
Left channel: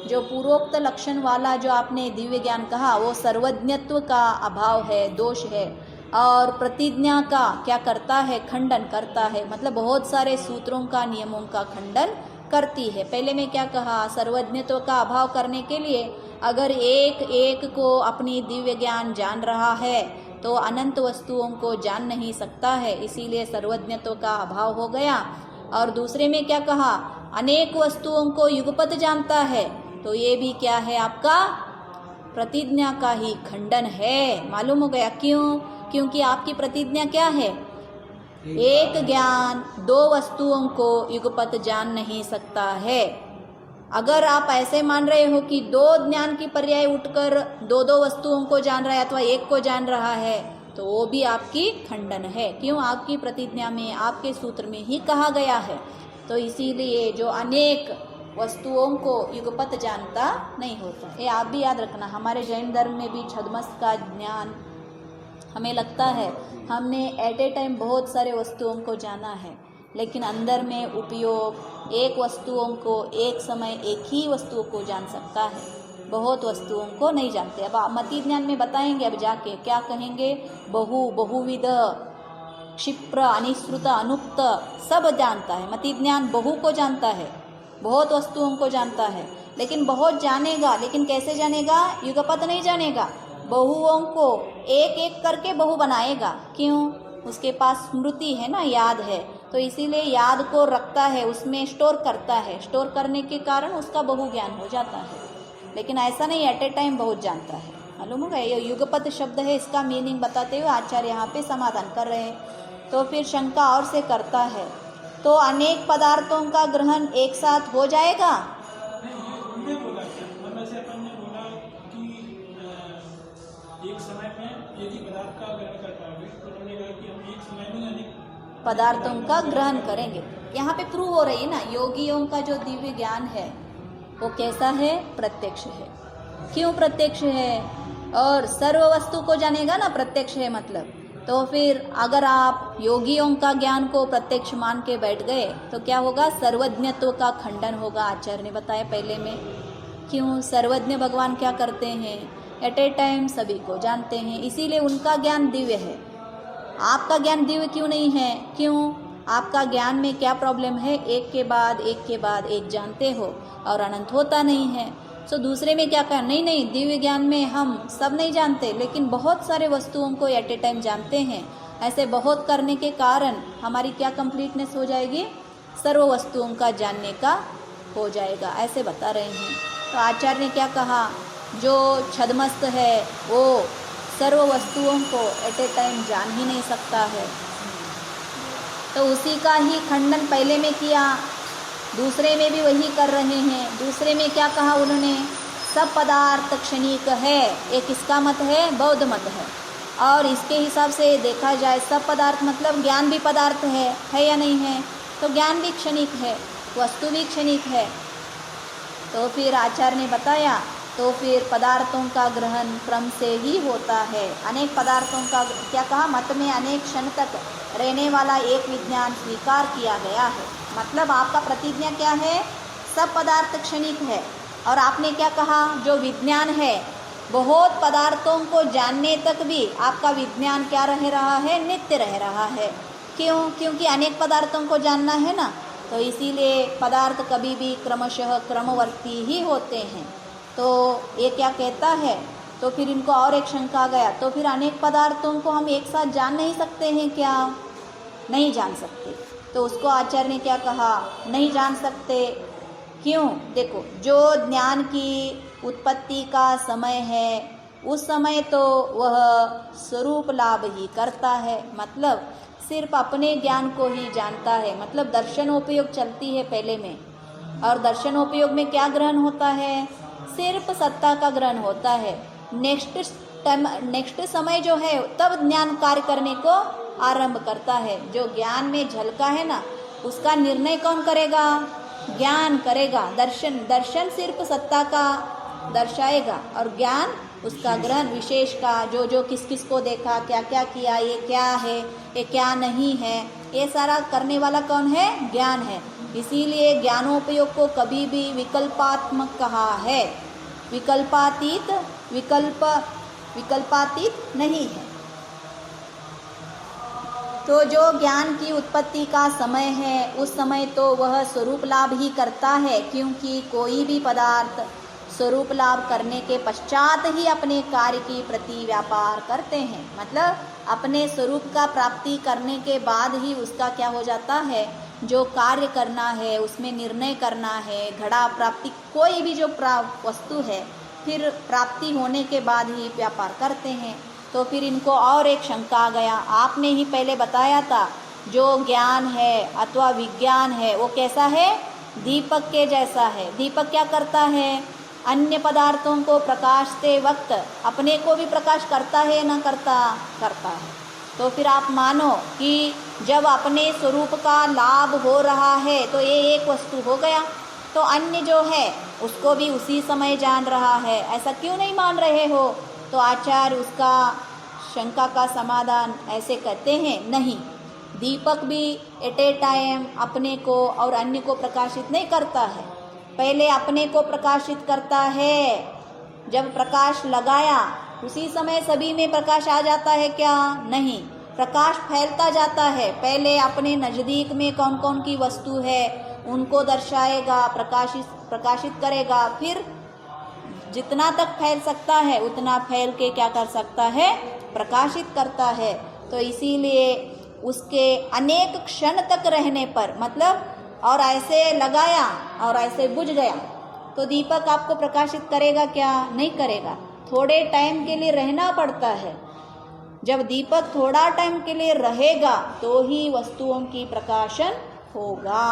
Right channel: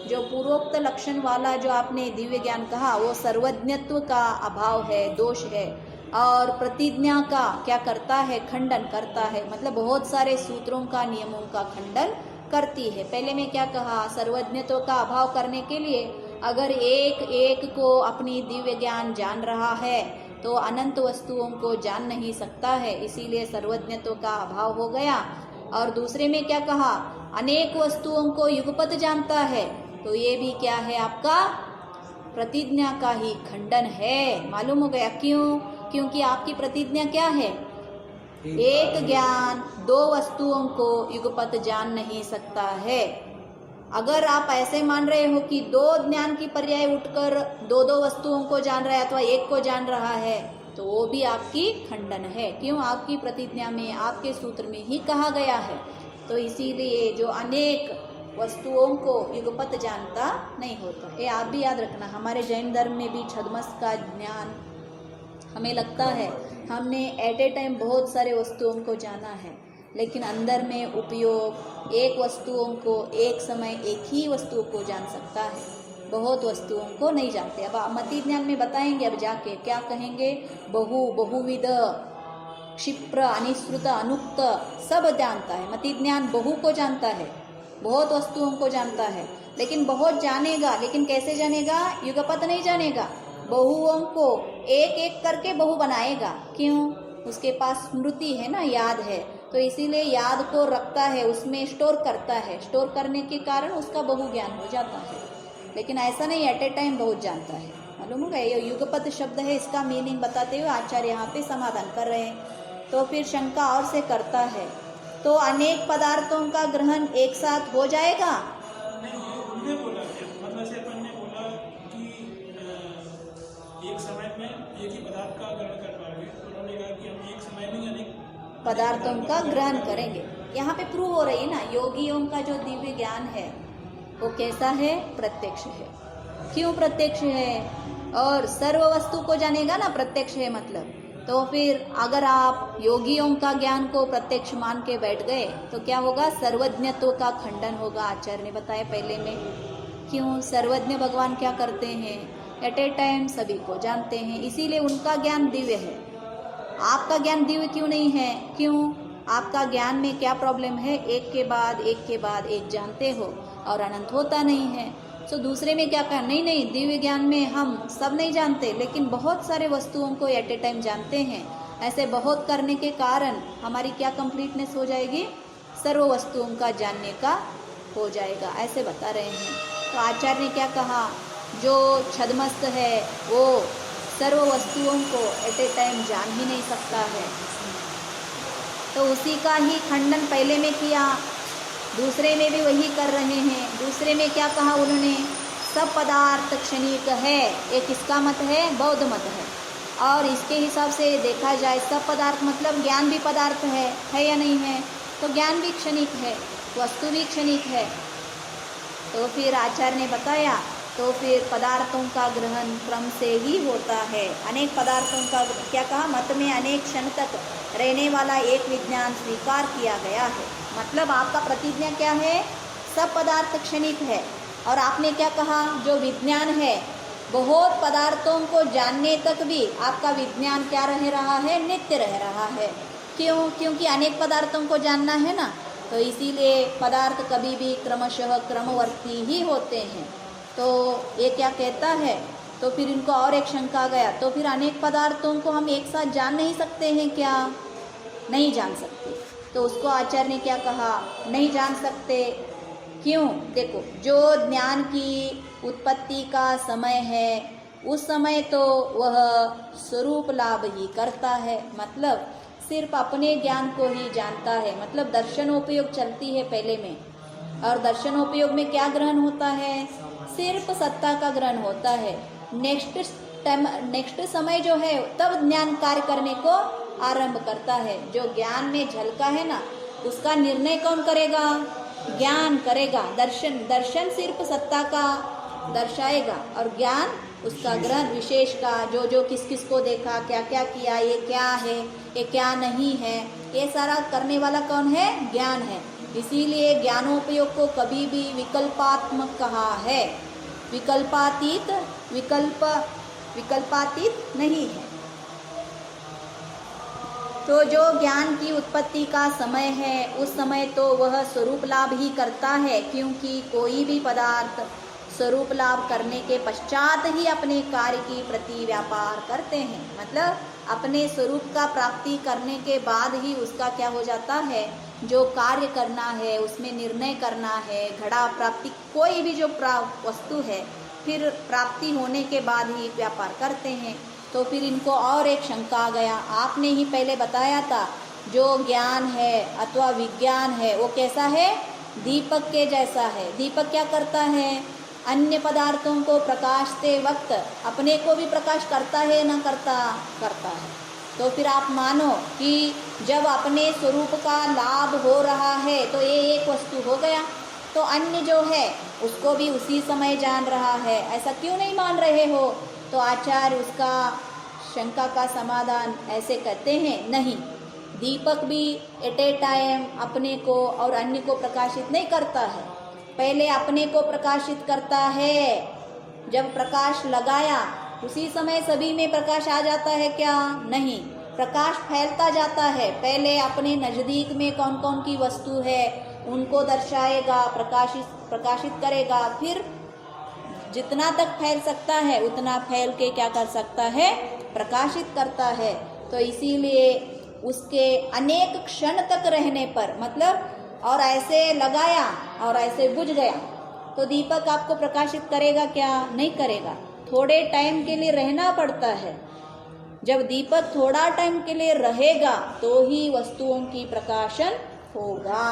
जो पूर्वोक्त लक्षण वाला जो आपने दिव्य ज्ञान कहा वो सर्वज्ञत्व का अभाव है, दोष है, और प्रतिज्ञा का क्या करता है? खंडन करता है। मतलब बहुत सारे सूत्रों का, नियमों का खंडन करती है। पहले में क्या कहा? सर्वज्ञत्व का अभाव करने के लिए अगर एक एक को अपनी दिव्य ज्ञान जान रहा है तो अनंत वस्तुओं को जान नहीं सकता है, इसीलिए सर्वज्ञत्व का अभाव हो गया। और दूसरे में क्या कहा? अनेक वस्तुओं को युगपत जानता है, तो ये भी क्या है? आपका प्रतिज्ञा का ही खंडन है। मालूम हो गया? क्यों? क्योंकि आपकी प्रतिज्ञा क्या है? एक ज्ञान दो वस्तुओं को युगपत जान नहीं सकता है। अगर आप ऐसे मान रहे हो कि दो ज्ञान की पर्याय उठकर दो दो वस्तुओं को जान रहा है अथवा एक को जान रहा है, तो वो भी आपकी खंडन है। क्यों? आपकी प्रतिज्ञा में, आपके सूत्र में ही कहा गया है। तो इसीलिए जो अनेक वस्तुओं को युगपत जानता नहीं होता। ये आप भी याद रखना। हमारे जैन धर्म में भी छद्मस का ज्ञान हमें लगता है हमने एट ए टाइम बहुत सारे वस्तुओं को जाना है, लेकिन अंदर में उपयोग एक वस्तुओं को एक समय एक ही वस्तु को जान सकता है, बहुत वस्तुओं को नहीं जानते। अब आप मति ज्ञान में बताएंगे, अब जाके क्या कहेंगे? बहुविध, क्षिप्र, अनिश्रुत, अनुक्त सब जानता है। मति ज्ञान बहु को जानता है, बहुत वस्तुओं को जानता है, लेकिन बहुत जानेगा, लेकिन कैसे जानेगा? युगपत नहीं जानेगा। बहुओं को एक एक करके बहु बनाएगा। क्यों? उसके पास स्मृति है ना, याद है, तो इसीलिए याद को रखता है, उसमें स्टोर करता है। स्टोर करने के कारण उसका बहु ज्ञान हो जाता है। लेकिन ऐसा नहीं एट ए टाइम बहुत जानता है। मालूम होगा? ये युगपत शब्द है, इसका मीनिंग बताते हुए आचार्य यहाँ पे समाधान कर रहे हैं। तो फिर शंका और से करता है, तो अनेक पदार्थों का ग्रहण एक साथ हो जाएगा? नहीं, ये उनने बोला क्या? मतलब से अपन ने बोला कि एक समय में एक ही पदार्थ का ग्रहण कर पाओगे, तो उन्होंने कहा कि हम एक समय में अनेक पदार्थों का ग्रहण करेंगे। यहाँ पे प्रूव हो रही है ना, योगियों का जो दिव्य ज्ञान है वो कैसा है? प्रत्यक्ष है। क्यों प्रत्यक्ष है? और सर्व वस्तु को जानेगा ना, प्रत्यक्ष है मतलब। तो फिर अगर आप योगियों का ज्ञान को प्रत्यक्ष मान के बैठ गए तो क्या होगा? सर्वज्ञत्व का खंडन होगा। आचार्य ने बताया पहले में। क्यों? सर्वज्ञ भगवान क्या करते हैं? एट ए टाइम सभी को जानते हैं, इसीलिए उनका ज्ञान दिव्य है। आपका ज्ञान दिव्य क्यों नहीं है? क्यों? आपका ज्ञान में क्या प्रॉब्लम है? एक के बाद एक जानते हो और अनंत होता नहीं है। तो दूसरे में क्या कहा? नहीं, दिव्य ज्ञान में हम सब नहीं जानते, लेकिन बहुत सारे वस्तुओं को एट ए टाइम जानते हैं। ऐसे बहुत करने के कारण हमारी क्या कंप्लीटनेस हो जाएगी? सर्व वस्तुओं का जानने का हो जाएगा, ऐसे बता रहे हैं। तो आचार्य ने क्या कहा? जो छद्मस्त है वो सर्व वस्तुओं को एट ए टाइम जान ही नहीं सकता है, तो उसी का ही खंडन पहले में किया, दूसरे में भी वही कर रहे हैं। दूसरे में क्या कहा उन्होंने? सब पदार्थ क्षणिक है। एक इसका मत है, बौद्ध मत है। और इसके हिसाब से देखा जाए सब पदार्थ मतलब ज्ञान भी पदार्थ है या नहीं है? तो ज्ञान भी क्षणिक है, वस्तु भी क्षणिक है। तो फिर आचार्य ने बताया, तो फिर पदार्थों का ग्रहण क्रम से ही होता है। अनेक पदार्थों का क्या कहा? मत में अनेक क्षण तक रहने वाला एक विज्ञान स्वीकार किया गया है। मतलब आपका प्रतिज्ञा क्या है? सब पदार्थ क्षणिक है। और आपने क्या कहा? जो विज्ञान है बहुत पदार्थों को जानने तक भी आपका विज्ञान क्या रह रहा है? नित्य रह रहा है। क्यों? क्योंकि अनेक पदार्थों को जानना है ना, तो इसीलिए पदार्थ कभी भी क्रमशः क्रमवर्ती ही होते हैं। तो ये क्या कहता है? तो फिर इनको और एक शंका आ गया, तो फिर अनेक पदार्थों को हम एक साथ जान नहीं सकते हैं क्या? नहीं जान सकते। तो उसको आचार्य ने क्या कहा? नहीं जान सकते। क्यों? देखो, जो ज्ञान की उत्पत्ति का समय है उस समय तो वह स्वरूप लाभ ही करता है। मतलब सिर्फ अपने ज्ञान को ही जानता है, मतलब दर्शनोपयोग चलती है पहले में, और दर्शनोपयोग में क्या ग्रहण होता है? सिर्फ सत्ता का ग्रहण होता है। नेक्स्ट समय जो है तब ज्ञान कार्य करने को आरंभ करता है। जो ज्ञान में झलका है ना, उसका निर्णय कौन करेगा? ज्ञान करेगा। दर्शन सिर्फ सत्ता का दर्शाएगा और ज्ञान उसका ग्रहण विशेष का, जो किस किस को देखा, क्या क्या किया, ये क्या है, ये क्या नहीं है, ये सारा करने वाला कौन है? ज्ञान है। इसीलिए ज्ञानोपयोग को कभी भी विकल्पात्मक कहा है। विकल्पातीत नहीं है। तो जो ज्ञान की उत्पत्ति का समय है, उस समय तो वह स्वरूप लाभ ही करता है, क्योंकि कोई भी पदार्थ स्वरूप लाभ करने के पश्चात ही अपने कार्य की प्रति व्यापार करते हैं। मतलब अपने स्वरूप का प्राप्ति करने के बाद ही उसका क्या हो जाता है? जो कार्य करना है, उसमें निर्णय करना है, घड़ा प्राप्ति, कोई भी जो वस्तु है, फिर प्राप्ति होने के बाद ही व्यापार करते हैं। तो फिर इनको और एक शंका आ गया। आपने ही पहले बताया था जो ज्ञान है अथवा विज्ञान है वो कैसा है? दीपक के जैसा है। दीपक क्या करता है? अन्य पदार्थों को प्रकाशते वक्त अपने को भी प्रकाश करता है ना करता है। तो फिर आप मानो कि जब अपने स्वरूप का लाभ हो रहा है तो ये एक वस्तु हो गया, तो अन्य जो है उसको भी उसी समय जान रहा है। ऐसा क्यों नहीं मान रहे हो? तो आचार्य उसका शंका का समाधान ऐसे कहते हैं, नहीं, दीपक भी एट ए टाइम अपने को और अन्य को प्रकाशित नहीं करता है। पहले अपने को प्रकाशित करता है। जब प्रकाश लगाया उसी समय सभी में प्रकाश आ जाता है क्या? नहीं, प्रकाश फैलता जाता है। पहले अपने नज़दीक में कौन कौन की वस्तु है उनको दर्शाएगा, प्रकाशित करेगा, फिर जितना तक फैल सकता है उतना फैल के क्या कर सकता है? प्रकाशित करता है। तो इसीलिए उसके अनेक क्षण तक रहने पर, मतलब और ऐसे लगाया और ऐसे बुझ गया, तो दीपक आपको प्रकाशित करेगा क्या? नहीं करेगा। थोड़े टाइम के लिए रहना पड़ता है। जब दीपक थोड़ा टाइम के लिए रहेगा तो ही वस्तुओं की प्रकाशन होगा।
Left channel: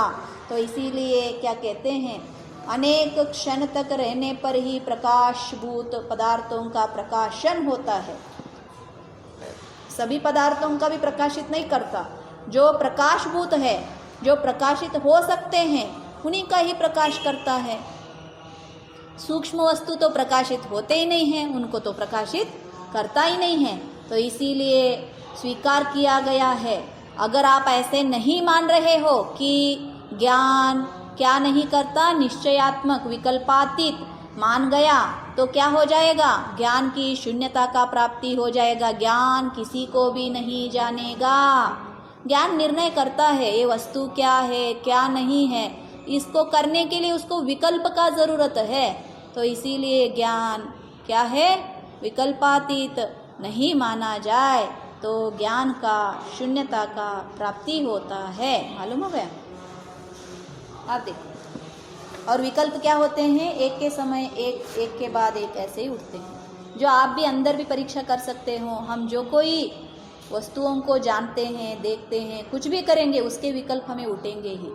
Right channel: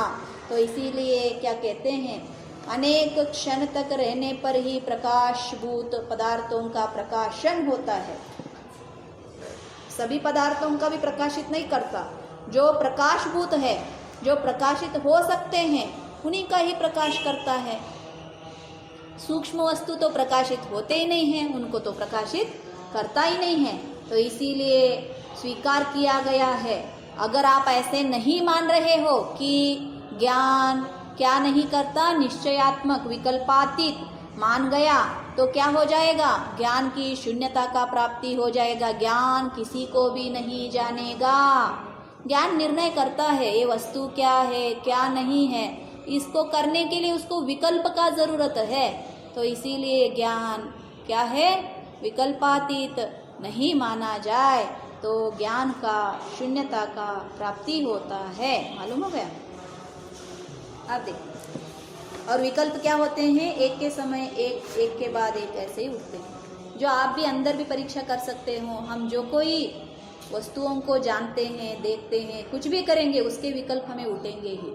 तो इसीलिए क्या कहते हैं, अनेक क्षण तक रहने पर ही प्रकाशभूत पदार्थों का प्रकाशन होता है। सभी पदार्थों का भी प्रकाशित नहीं करता। जो प्रकाशभूत है, जो प्रकाशित हो सकते हैं, उन्हीं का ही प्रकाश करता है। सूक्ष्म वस्तु तो प्रकाशित होते ही नहीं हैं, उनको तो प्रकाशित करता ही नहीं है। तो इसीलिए स्वीकार किया गया है। अगर आप ऐसे नहीं मान रहे हो कि ज्ञान क्या नहीं करता, निश्चयात्मक विकल्पातीत मान गया, तो क्या हो जाएगा? ज्ञान की शून्यता का प्राप्ति हो जाएगा। ज्ञान किसी को भी नहीं जानेगा। ज्ञान निर्णय करता है ये वस्तु क्या है क्या नहीं है। इसको करने के लिए उसको विकल्प का जरूरत है। तो इसीलिए ज्ञान क्या है? विकल्पातीत नहीं माना जाए तो ज्ञान का शून्यता का प्राप्ति होता है। मालूम हो गया? आप देखो, और विकल्प क्या होते हैं? एक के समय एक के बाद एक ऐसे ही उठते हैं। जो आप भी अंदर भी परीक्षा कर सकते हो। हम जो कोई वस्तुओं को जानते हैं, देखते हैं, कुछ भी करेंगे, उसके विकल्प हमें उठेंगे ही।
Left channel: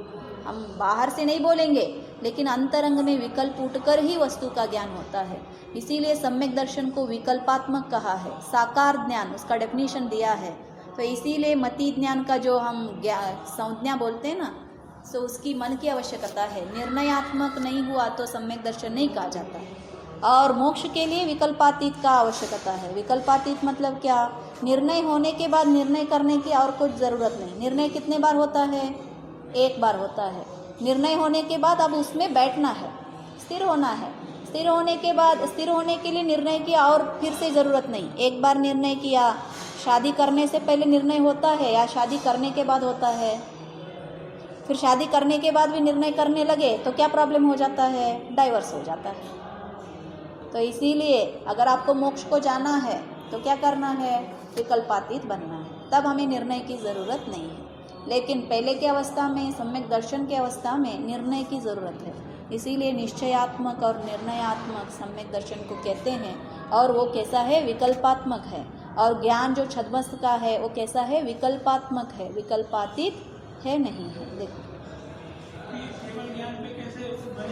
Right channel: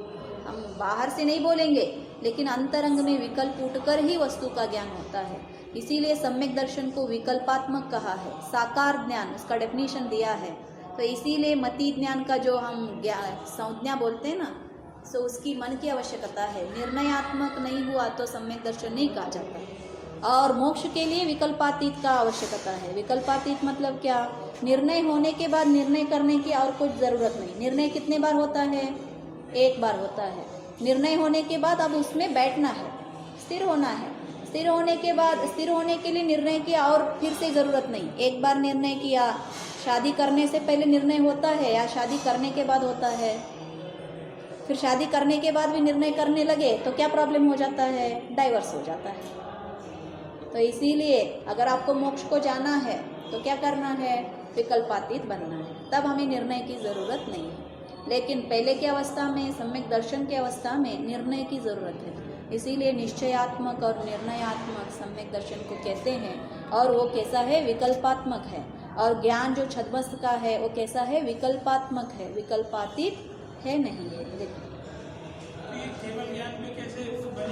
हम बाहर से नहीं बोलेंगे, लेकिन अंतरंग में विकल्प उठकर ही वस्तु का ज्ञान होता है। इसीलिए सम्यक दर्शन को विकल्पात्मक कहा है। साकार ज्ञान उसका डेफिनेशन दिया है। तो इसीलिए मति ज्ञान का जो हम संज्ञा बोलते हैं ना, तो उसकी मन की आवश्यकता है। निर्णयात्मक नहीं हुआ तो सम्यक दर्शन नहीं कहा जाता। और मोक्ष के लिए विकल्पातीत का आवश्यकता है। विकल्पातीत मतलब क्या? निर्णय होने के बाद निर्णय करने की और कुछ ज़रूरत नहीं। निर्णय कितने बार होता है? एक बार होता है। निर्णय होने के बाद अब उसमें बैठना है, स्थिर होना है। स्थिर होने के बाद, स्थिर होने के लिए निर्णय किया और फिर से ज़रूरत नहीं। एक बार निर्णय किया, शादी करने से पहले निर्णय होता है या शादी करने के बाद होता है? फिर शादी करने के बाद भी निर्णय करने लगे तो क्या प्रॉब्लम हो जाता है? डाइवर्स हो जाता है। तो इसीलिए अगर आपको मोक्ष को जाना है तो क्या करना है? विकल्पातीत बनना है। तब हमें निर्णय की ज़रूरत नहीं है। लेकिन पहले की अवस्था में, सम्यक दर्शन की अवस्था में निर्णय की ज़रूरत है। इसीलिए निश्चयात्मक और निर्णयात्मक सम्यक दर्शन को कहते हैं। और वो कैसा है? विकल्पात्मक है। और ज्ञान जो छद्मस्त का है वो कैसा है, विकल्पात्मक है, विकल्पातीत है नहीं है। देखो केवल ज्ञान पे कैसे बन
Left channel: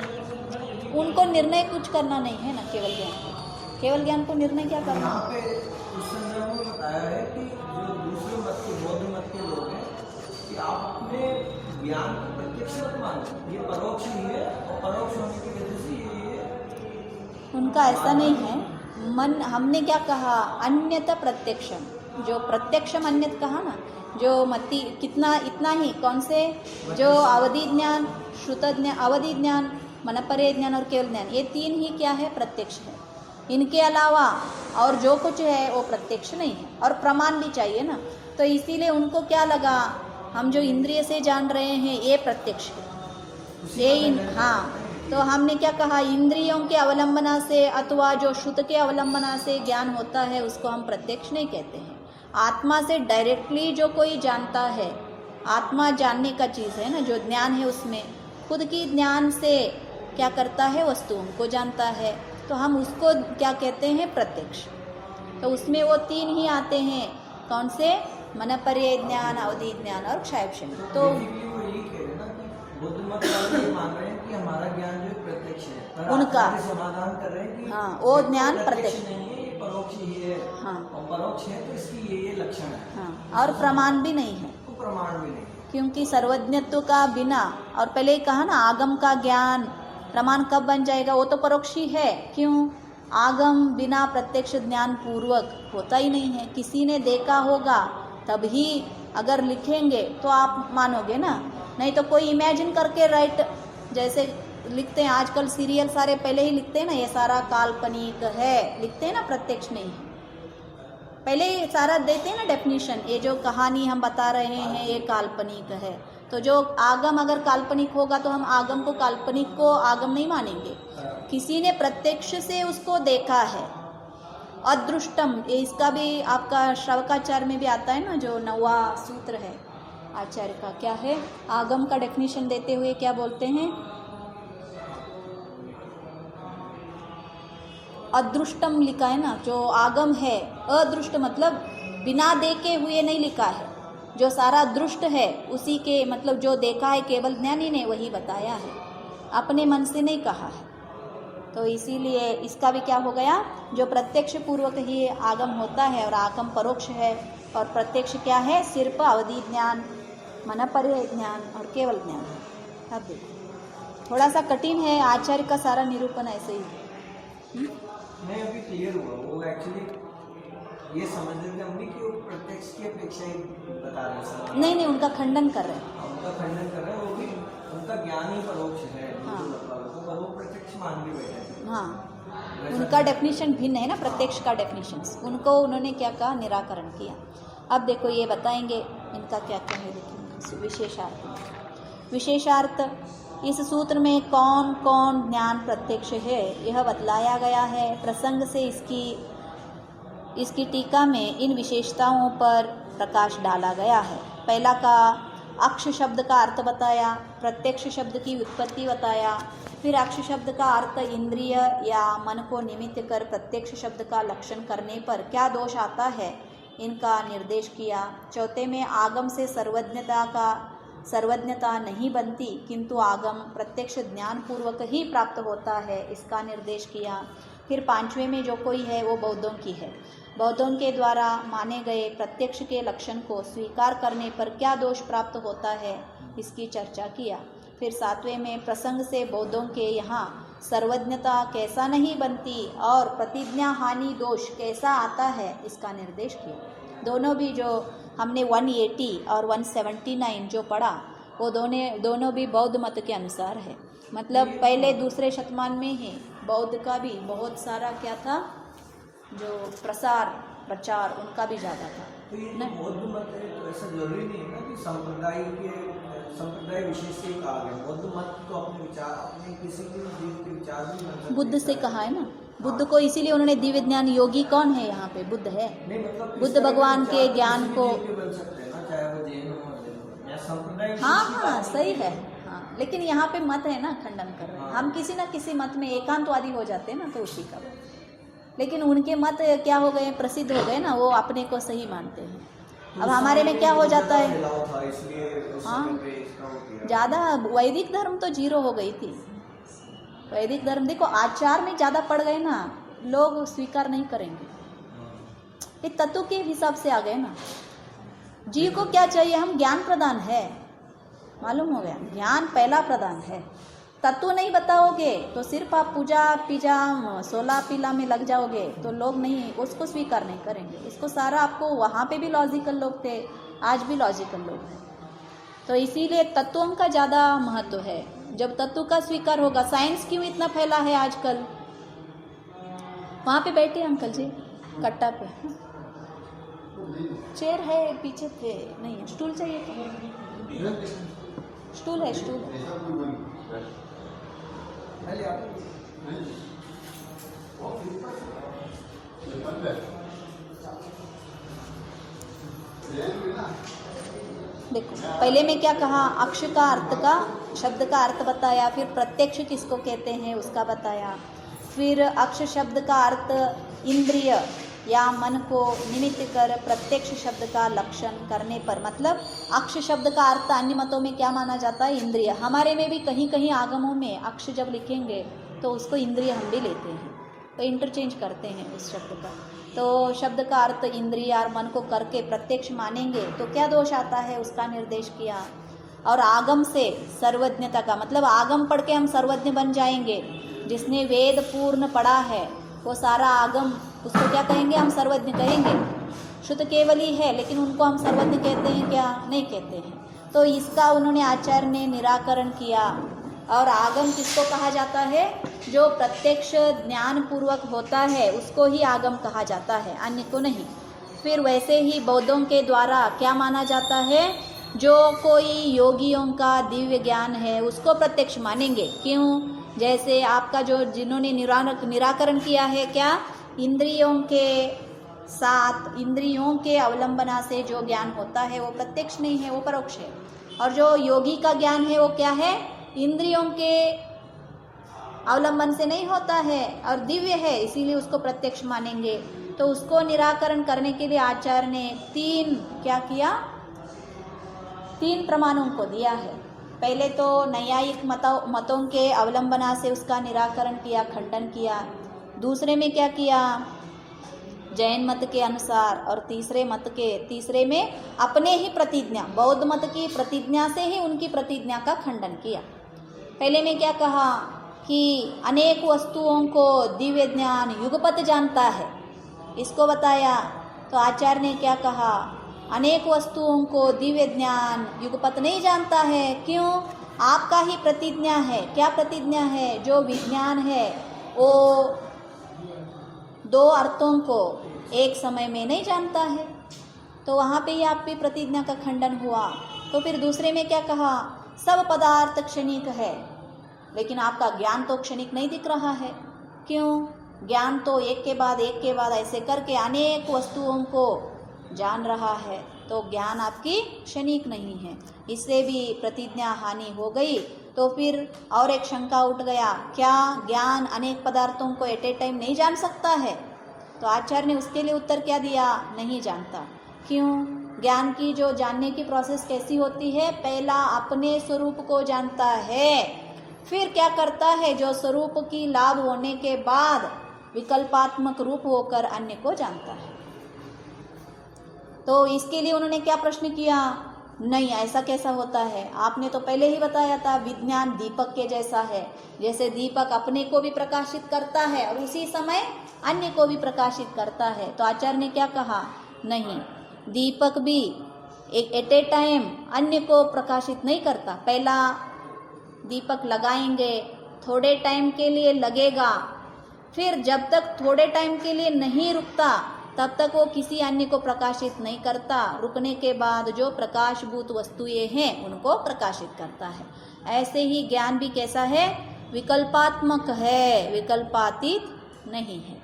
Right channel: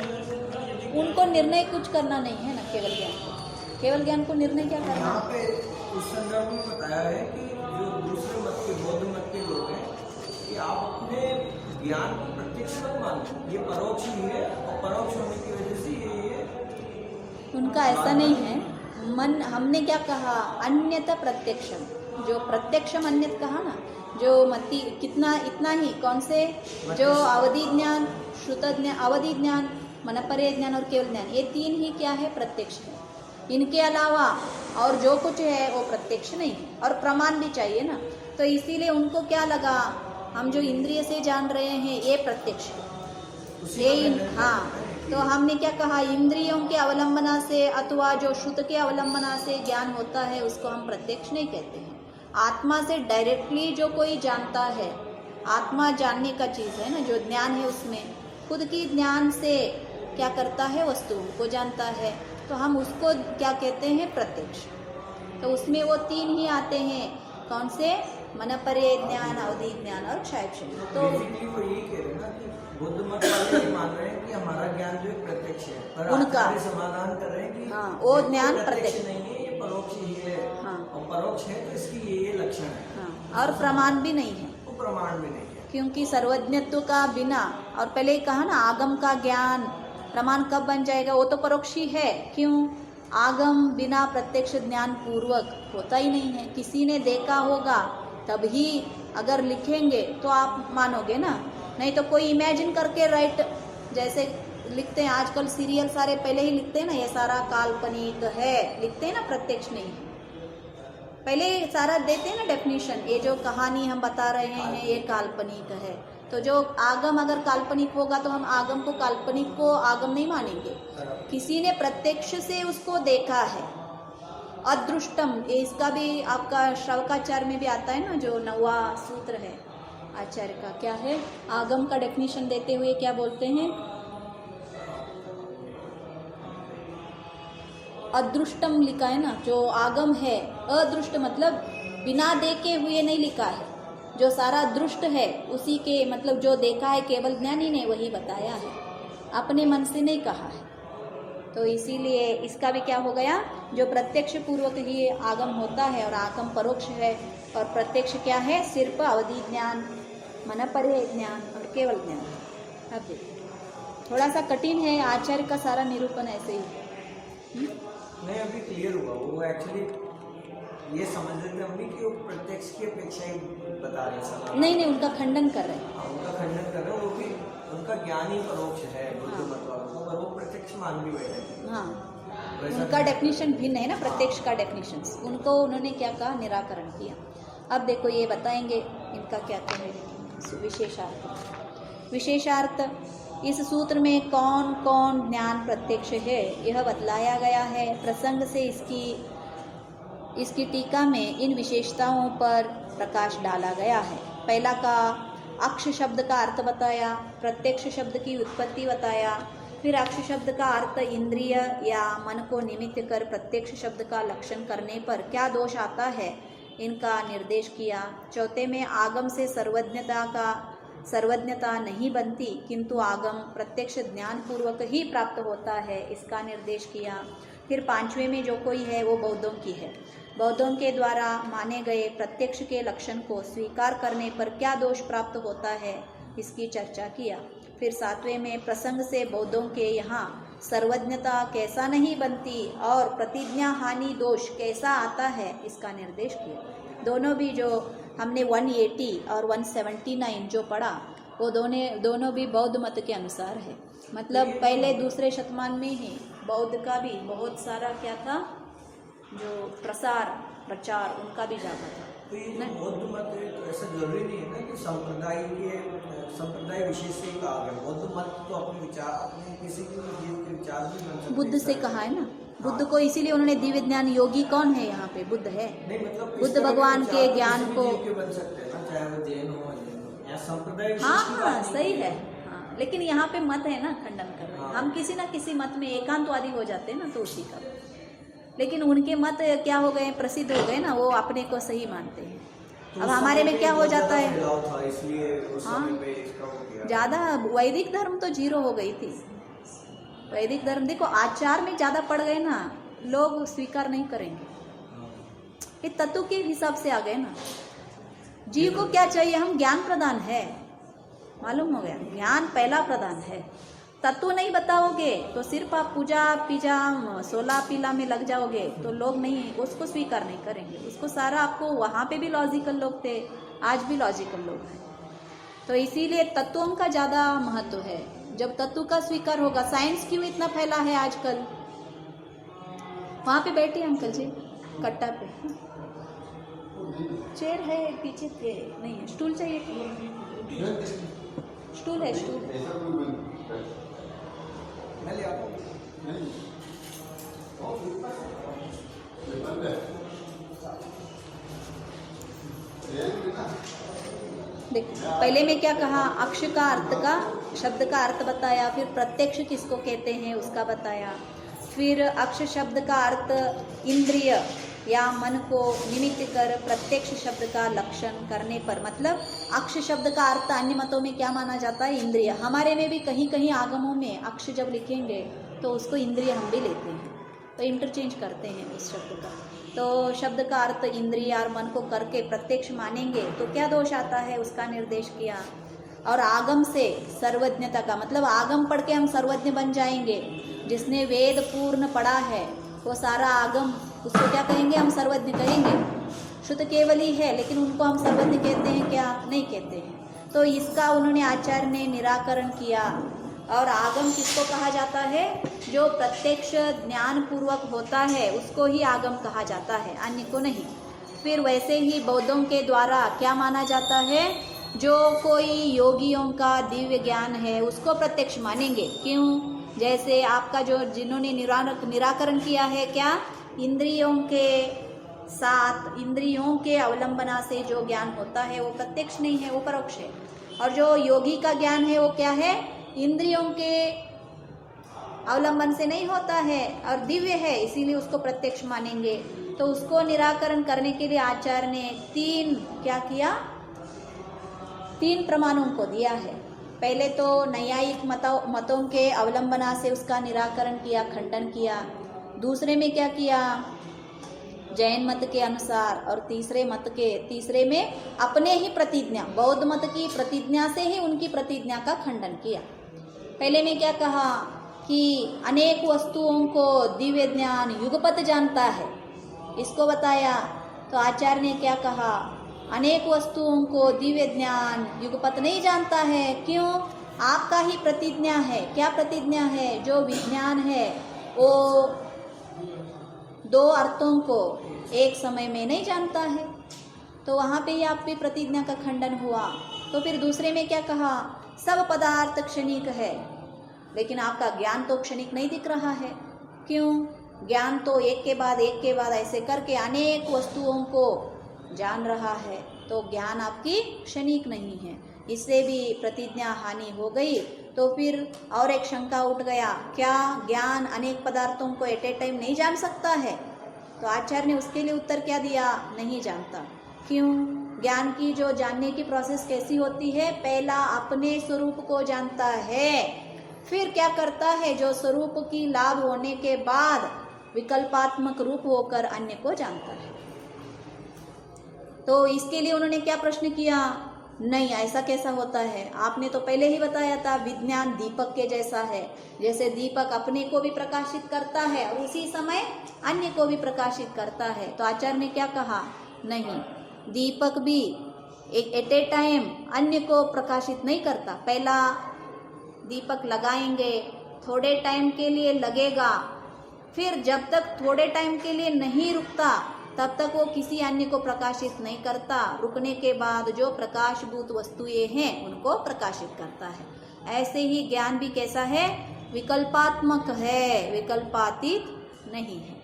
जाए, यदि उनको निर्णय कुछ करना नहीं है ना, केवल ज्ञान को, केवल ज्ञान को निर्णय क्या करना यहाँ है? पे उस संदर्भ में बताया है कि जो दूसरे मत के बौद्ध मत के लोग हैं कि आप अपने ज्ञान को प्रत्यक्ष मत मानो, ये परोक्ष ही है और परोक्ष होने की वजह से ये उनका ऐसा नहीं है। मन, हमने क्या कहा, अन्यथा प्रत्यक्षम, जो प्रत्यक्षम अन्यत कहा ना, जो मति कितना इतना ही, कौन से, जो अवधि ज्ञान, श्रुत ज्ञान, अवधि ज्ञान, मनपरे ज्ञान और केवल ज्ञान, ये तीन ही क्या है, प्रत्यक्ष है। इनके अलावा और जो कुछ है वो प्रत्यक्ष नहीं है, और प्रमाण भी चाहिए ना। तो इसीलिए उनको क्या लगा, हम जो इंद्रिय से जान रहे हैं ये प्रत्यक्ष है, ये हाँ। तो हमने क्या कहा, इंद्रियों के अवलंबना से अथवा जो श्रुत के अवलंबना से ज्ञान होता है उसको हम प्रत्यक्ष नहीं कहते हैं। आत्मा से डायरेक्टली जो कोई जानता है, आत्मा जानने का चीज़ है ना, जो ज्ञान है उसमें खुद की ज्ञान से क्या करता है, वस्तुओं को जानता है, तो हम उसको क्या कहते हैं, प्रत्यक्ष। तो उसमें वो तीन ही आते हैं, कौन से, मनपरे ज्ञान, अवधि ज्ञान और क्षयक्षण। तो बेसिकली वो यही कह रहे हैं ना कि बौद्ध मत वाले ये मान रहे हैं कि हमारा ज्ञान जो प्रत्यक्ष है, पर उनका आप ये समाधान कर रहे हैं कि हाँ, वो ज्ञान प्रत्यक्ष प्रत्यक्ष नहीं है, ये परोक्ष ही है। हाँ। और परोक्ष है तो इसकी ये लक्षण है, हाँ, और प्रमाण भी नहीं है, वो प्रमाण भी नहीं है। क्योंकि सर्वज्ञत्व का बिना, और पहले ही कहा ना, आगम का ज्ञान प्रमाण कब बन जाएगा, वो तो परोक्ष ही है। क्यों, आगम बिना प्रत्यक्ष ज्ञान पूर्वक होता ही नहीं है। किसी ने देखा होगा तभी अगर लिखेंगे तो आप मानोगे ना, नहीं तो कोई इमेजिन करके राइट, जैसे लिखते हैं आजकल सीरियल सारे पहले ही लिखते हैं ना, ये सारा काल्पनिक है, लिखते हैं ना, प्रत्यक्ष नहीं है, पहले ही सारा देते हैं ना डेफिनेशन, ये जो कहानी हम बता रहे हैं ये काल्पनिक है। तो जो आगम अगर काल्पनिक होगा तो हम आगम को, काल्पनिक को आगम नहीं मानेंगे। किसी ने प्रत्यक्ष से उसको देखा है, अदृष्टम, ये इसका भी आपका श्रवकाचार्य में भी आता है ना, जो 9वां सूत्र है आचार्य का, क्या है, आगम का डेफिनेशन देते हुए क्या बोलते हैं, अदृष्टम लिखा है ना, जो आगम है, अदृष्ट मतलब बिना देखे हुए नहीं लिखा है, जो सारा दृष्ट है उसी के, मतलब जो देखा है केवल ज्ञानी ने वही बताया है, अपने मन से नहीं कहा है। तो इसीलिए इसका भी क्या हो गया, जो प्रत्यक्ष पूर्वक ही आगम होता है, और आगम परोक्ष है, और प्रत्यक्ष क्या है, सिर्फ अवधि ज्ञान, मनपरे ज्ञान और केवल ज्ञान। अब देखो थोड़ा सा कठिन है, आचार्य का सारा निरूपण ऐसे ही नहीं, अभी क्लियर हुआ। वो एक्चुअली ये समझ लेते होंगे कि वो प्रत्यक्ष की अपेक्षा ही बता रहे हैं। नहीं, उनका खंडन कर रहे हैं। उनका खंडन कर रहे हैं, वो भी उनका ज्ञान ही परोक्ष है, जो मतलब वो पर वो प्रत्यक्ष मान भी बैठे हैं। हाँ, उनका डेफिनेशन भिन्न है ना, प्रत्यक्ष का डेफिनेशन, उनको उन्होंने क्या कहा, निराकरण किया। अब देखो ये बताएंगे इनका क्या कहे, विशेषार्थ। विशेषार्थ, इस सूत्र में कौन कौन ज्ञान प्रत्यक्ष है यह बतलाया गया है। प्रसंग से इसकी टीका में इन विशेषताओं पर प्रकाश डाला गया है। पहला का अक्ष शब्द का अर्थ बताया, प्रत्यक्ष शब्द की उत्पत्ति बताया, फिर अक्ष शब्द का अर्थ इंद्रिय या मन को निमित्त कर प्रत्यक्ष शब्द का लक्षण करने पर क्या दोष आता है इनका निर्देश किया। चौथे में आगम से सर्वज्ञता नहीं बनती, किंतु आगम प्रत्यक्ष ज्ञान पूर्वक ही प्राप्त होता है, इसका निर्देश किया। फिर पांचवें में जो कोई है वो बौद्धों की है, बौद्धों के द्वारा माने गए प्रत्यक्ष के लक्षण को स्वीकार करने पर क्या दोष प्राप्त होता है इसकी चर्चा किया। फिर सातवें में प्रसंग से बौद्धों के यहाँ सर्वज्ञता कैसा नहीं बनती और प्रतिज्ञा हानि दोष कैसा आता है इसका निर्देश किया। दोनों भी जो हमने 180 और 179 जो पढ़ा वो दोनों भी बौद्ध मत के अनुसार है। मतलब पहले दूसरे शतमान में ही बौद्ध का भी बहुत सारा क्या था, जो प्रचार उनका भी ज़्यादा था। तो ये बौद्ध मत है तो ऐसा जरूरी नहीं है ना कि संप्रदाय विशेष से कहा गया। बौद्ध मत तो अपने विचार, अपने किसी के जीव के विचार भी बन सकते। बुद्ध से कहा है ना, बुद्ध को इसीलिए उन्होंने दिव्य ज्ञान, योगी कौन है यहाँ पे, बुद्ध है। नहीं मतलब बुद्ध भगवान के ज्ञान को बन सकते हैं ना, चाहे वो जैन हो या संप्रदाय। हाँ सही है, हाँ, लेकिन यहाँ पे मत है ना, खंडन कर रहे हैं हम, किसी ना किसी मत में एकांतवादी हो जाते हैं ना, तो उसी का लेकिन उनके मत क्या हो गए, प्रसिद्ध हो गए ना, वो अपने को सही मानते हैं। अब हमारे में क्या हो जाता है, फैलाव था, इसलिए उस हाँ, समय पे इसका वो किया। ज़्यादा वैदिक धर्म तो जीरो हो गई थी। वैदिक धर्म देखो आचार में ज़्यादा पड़ गए ना, लोग स्वीकार नहीं करेंगे। ये तत्व के हिसाब से आ गए ना। जीव को क्या चाहिए, हम ज्ञान प्रदान है, मालूम हो गया, ज्ञान पहला प्रदान है। तत्व नहीं बताओगे तो सिर्फ आप पूजा पीजा 16 पीला में लग जाओगे तो लोग नहीं, उसको स्वीकार नहीं करेंगे। उसको सारा आपको, वहाँ पे भी लॉजिकल लोग थे, आज भी लॉजिकल लोग हैं। तो इसीलिए तत्वों का ज़्यादा महत्व है। जब तत्व का स्वीकार होगा, साइंस क्यों इतना फैला है आजकल। वहाँ पे बैठे अंकल जी कट्टा पे, चेयर है पीछे थे, नहीं स्टूल चाहिए क्या? स्टूल है, स्टूल। देखो पहले में क्या कहा, अक्ष का अर्थ का, शब्द का अर्थ बताया, फिर प्रत्यक्ष किसको कहते हैं उसका बताया, फिर अक्ष शब्द का अर्थ इंद्रिय या मन को निमित्त कर प्रत्यक्ष शब्द का लक्षण करने पर, मतलब अक्ष शब्द का अर्थ अन्य मतों में क्या माना जाता है, इंद्रिय। हमारे में भी कहीं कहीं आगमों में अक्ष जब लिखेंगे तो उसको इंद्रिय हम भी लेते हैं, तो इंटरचेंज करते हैं उस शब्द का। तो शब्द का अर्थ इंद्रिय और मन को करके प्रत्यक्ष मानेंगे तो क्या दोष आता है, उसका निर्देश किया। और आगम से सर्वज्ञता का मतलब आगम पढ़ के हम सर्वज्ञ बन जाएंगे। जिसने वेद पूर्ण पढ़ा है वो सारा आगम, उसको क्या कहेंगे, हम सर्वज्ञ कहेंगे। शुद्ध केवली है लेकिन उनको हम सर्वज्ञ कहते हैं क्या, नहीं कहते हैं। तो इसका उन्होंने आचार्य ने निराकरण किया। और आगम किसको कहा जाता है, जो प्रत्यक्ष ज्ञान पूर्वक होता है उसको ही आगम कहा जाता है, अन्य को नहीं। फिर वैसे ही बौद्धों के द्वारा क्या माना जाता है, जो कोई योगियों का दिव्य ज्ञान है उसको प्रत्यक्ष मानेंगे। क्यों, जैसे आपका जो जिन्होंने निराकरण किया है क्या, इंद्रियों के साथ, इंद्रियों के अवलंबना से जो ज्ञान होता है वो प्रत्यक्ष नहीं है, वो परोक्ष है। और जो योगी का ज्ञान है वो क्या है, इंद्रियों के अवलंबन से नहीं होता है और दिव्य है, इसीलिए उसको प्रत्यक्ष मानेंगे। तो उसको निराकरण करने के लिए आचार्य ने क्या किया, 3 प्रमाणों को दिया है। पहले तो न्यायिक मतों के अवलंबना से उसका निराकरण किया, खंडन किया। दूसरे में क्या किया, जैन मत के अनुसार। और तीसरे में अपने ही प्रतिज्ञा, बौद्ध मत की प्रतिज्ञा से ही उनकी प्रतिज्ञा का खंडन किया। पहले में क्या कहा कि अनेक वस्तुओं को दिव्य ज्ञान युगपत जानता है, इसको बताया। तो आचार्य ने क्या कहा, अनेक वस्तुओं को दिव्य ज्ञान युगपत नहीं जानता है। क्यों, आपका ही प्रतिज्ञा है। क्या प्रतिज्ञा है, जो विज्ञान है वो 2 अर्थों को एक समय में नहीं जानता है। तो वहाँ पे ही आपकी प्रतिज्ञा का खंडन हुआ। तो फिर दूसरे में क्या कहा, सब पदार्थ क्षणिक है, लेकिन आपका ज्ञान तो क्षणिक नहीं दिख रहा है। क्यों, ज्ञान तो एक के बाद ऐसे करके अनेक वस्तुओं को जान रहा है, तो ज्ञान आपकी क्षणिक नहीं है। इससे भी प्रतिज्ञा हानि हो गई। तो फिर और एक शंका उठ गया, क्या ज्ञान अनेक पदार्थों को एट ए टाइम नहीं जान सकता है। तो आचार्य ने उसके लिए उत्तर क्या दिया, नहीं जानता। क्यों, ज्ञान की जो जानने की प्रोसेस कैसी होती है, पहला अपने स्वरूप को जानता है, फिर क्या करता है, जो स्वरूप की लाभ होने के बाद विकल्पात्मक रूप होकर अन्य को जानता है। तो इसके लिए उन्होंने क्या प्रश्न किया, नहीं ऐसा कैसा होता है, आपने तो पहले ही बताया था विज्ञान दीपक के जैसा है। जैसे दीपक अपने को भी प्रकाशित करता है और उसी समय अन्य को भी प्रकाशित करता है। तो आचार्य ने क्या कहा, नहीं, दीपक भी एक एट ए टाइम अन्य को प्रकाशित नहीं करता। पहला दीपक लगाएंगे, थोड़े टाइम के लिए लगेगा, फिर जब तक थोड़े टाइम के लिए नहीं रुकता तब तक वो किसी अन्य को प्रकाशित नहीं करता। रुकने के बाद जो प्रकाशभूत वस्तुएं हैं उनको प्रकाशित करता है। ऐसे ही ज्ञान भी कैसा है, विकल्पात्मक है, विकल्पातीत नहीं है।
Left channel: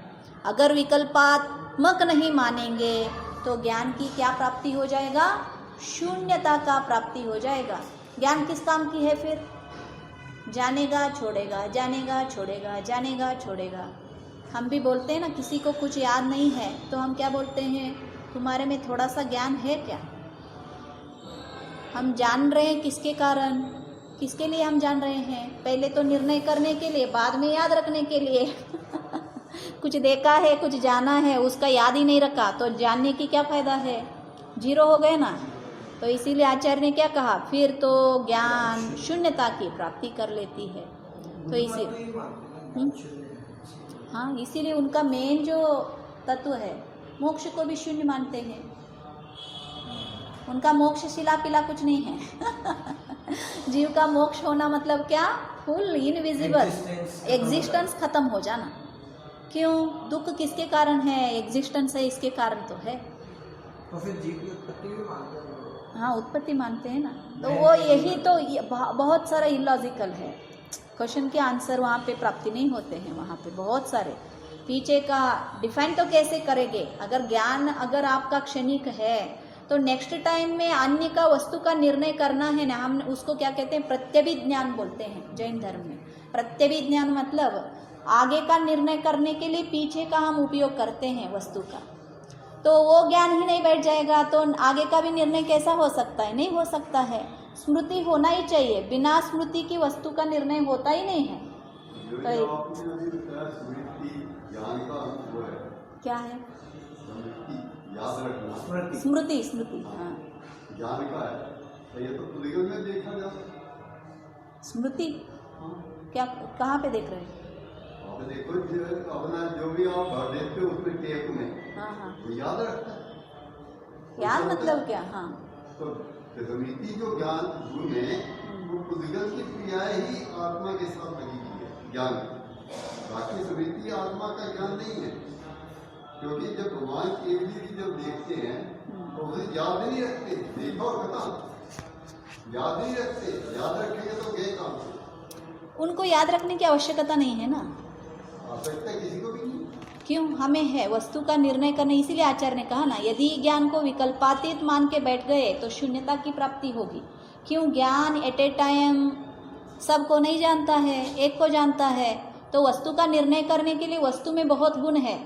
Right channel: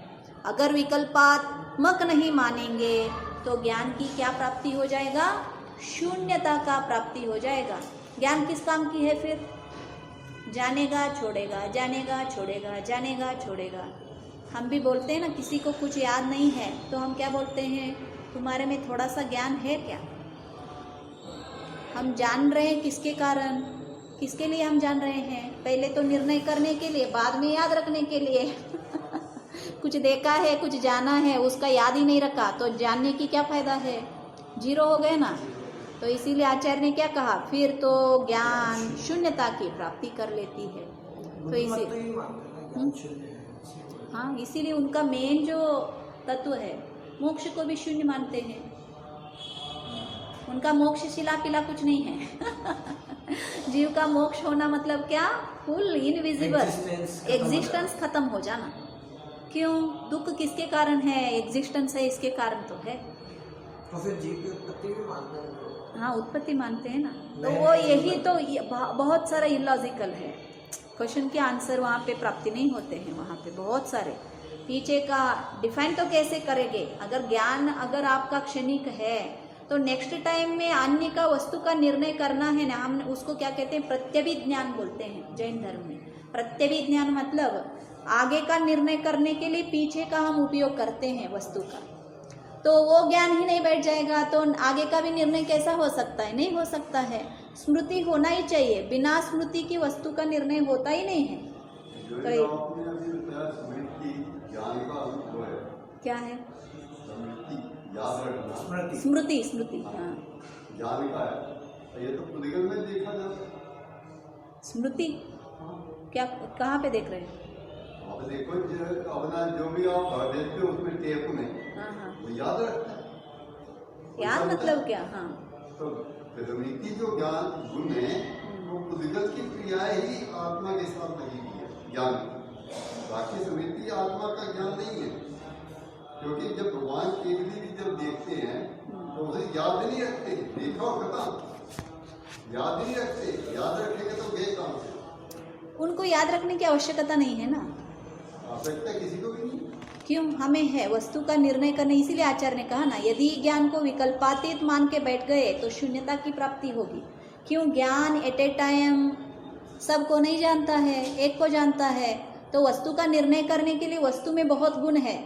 अगर विकल्पात्मक नहीं मानेंगे तो ज्ञान की क्या प्राप्ति हो जाएगा, शून्यता का प्राप्ति हो जाएगा। ज्ञान किस काम की है फिर, जानेगा छोड़ेगा, जानेगा छोड़ेगा, जानेगा छोड़ेगा। हम भी बोलते हैं ना, किसी को कुछ याद नहीं है तो हम क्या बोलते हैं, तुम्हारे में थोड़ा सा ज्ञान है क्या? हम जान रहे हैं किसके कारण, किसके लिए हम जान रहे हैं? पहले तो निर्णय करने के लिए, बाद में याद रखने के लिए। कुछ देखा है, कुछ जाना है, उसका याद ही नहीं रखा तो जानने की क्या फायदा है? जीरो हो गए ना। तो इसीलिए आचार्य ने क्या कहा, फिर तो ज्ञान शून्यता की प्राप्ति कर लेती है। तो इसी हाँ, इसीलिए उनका मेन जो तत्व है, मोक्ष को भी शून्य मानते हैं। उनका मोक्ष शिला पिला कुछ नहीं है। जीव का मोक्ष होना मतलब क्या? फुल इनविजिबल एग्जिस्टेंस खत्म हो जाना। क्यों? दुख किसके कारण है? एग्जिस्टेंस है, इसके कारण तो है। तो फिर जीव की उत्पत्ति भी मानते हैं। हाँ, उत्पत्ति मानते हैं ना। तो वो यही तो बहुत सारा इलॉजिकल है। क्वेश्चन के आंसर वहाँ पे प्राप्ति नहीं होते हैं। वहाँ पे बहुत सारे पीछे का डिफाइन तो कैसे करेंगे? अगर ज्ञान अगर आपका क्षणिक है तो नेक्स्ट टाइम में अन्य का वस्तु का निर्णय करना है ना, हम उसको क्या कहते हैं? प्रत्यभिज्ञान बोलते हैं जैन धर्म में। प्रत्यभिज्ञान मतलब आगे का निर्णय करने के लिए पीछे का हम उपयोग करते हैं वस्तु का। तो वो ज्ञान ही नहीं बैठ जाएगा तो आगे का भी निर्णय कैसा हो सकता है? नहीं हो सकता है। स्मृति होना ही चाहिए, बिना स्मृति की वस्तु का निर्णय होता ही नहीं है। तो क्या है? स्मृति, स्मृति, हाँ, ज्ञान का है। ये तो पुलिगल में देखा जाता। स्मृति क्या, कहाँ पे देख रहे हैं? अब देखो अपना जो भी आप भर देते हो उसमें टेप में, हाँ हाँ, वो याद रखता है। याद मतलब क्या? हाँ, तो प्रमिति जो ज्ञान गुण है वो पुलिगल की क्रियाएं ही आत्मा के साथ लगी हुई है ज्ञान। बाकी स्मृति आत्मा का ज्ञान नहीं है, क्योंकि जब भगवान केवली भी जब देखते हैं तो उसे याद नहीं रखते। देखा और खत्म, याद नहीं रखते। याद रखेंगे तो गए काम से। उनको याद रखने की आवश्यकता नहीं है ना। आवश्यकता किसी को भी नहीं। क्यों? हमें है वस्तु का निर्णय करना। इसीलिए आचार्य ने कहा ना, यदि ज्ञान को विकल्पातीत मान के बैठ गए तो शून्यता की प्राप्ति होगी। क्यों? ज्ञान एट ए टाइम सबको नहीं जानता है, एक को जानता है। तो वस्तु का निर्णय करने के लिए वस्तु में बहुत गुण है,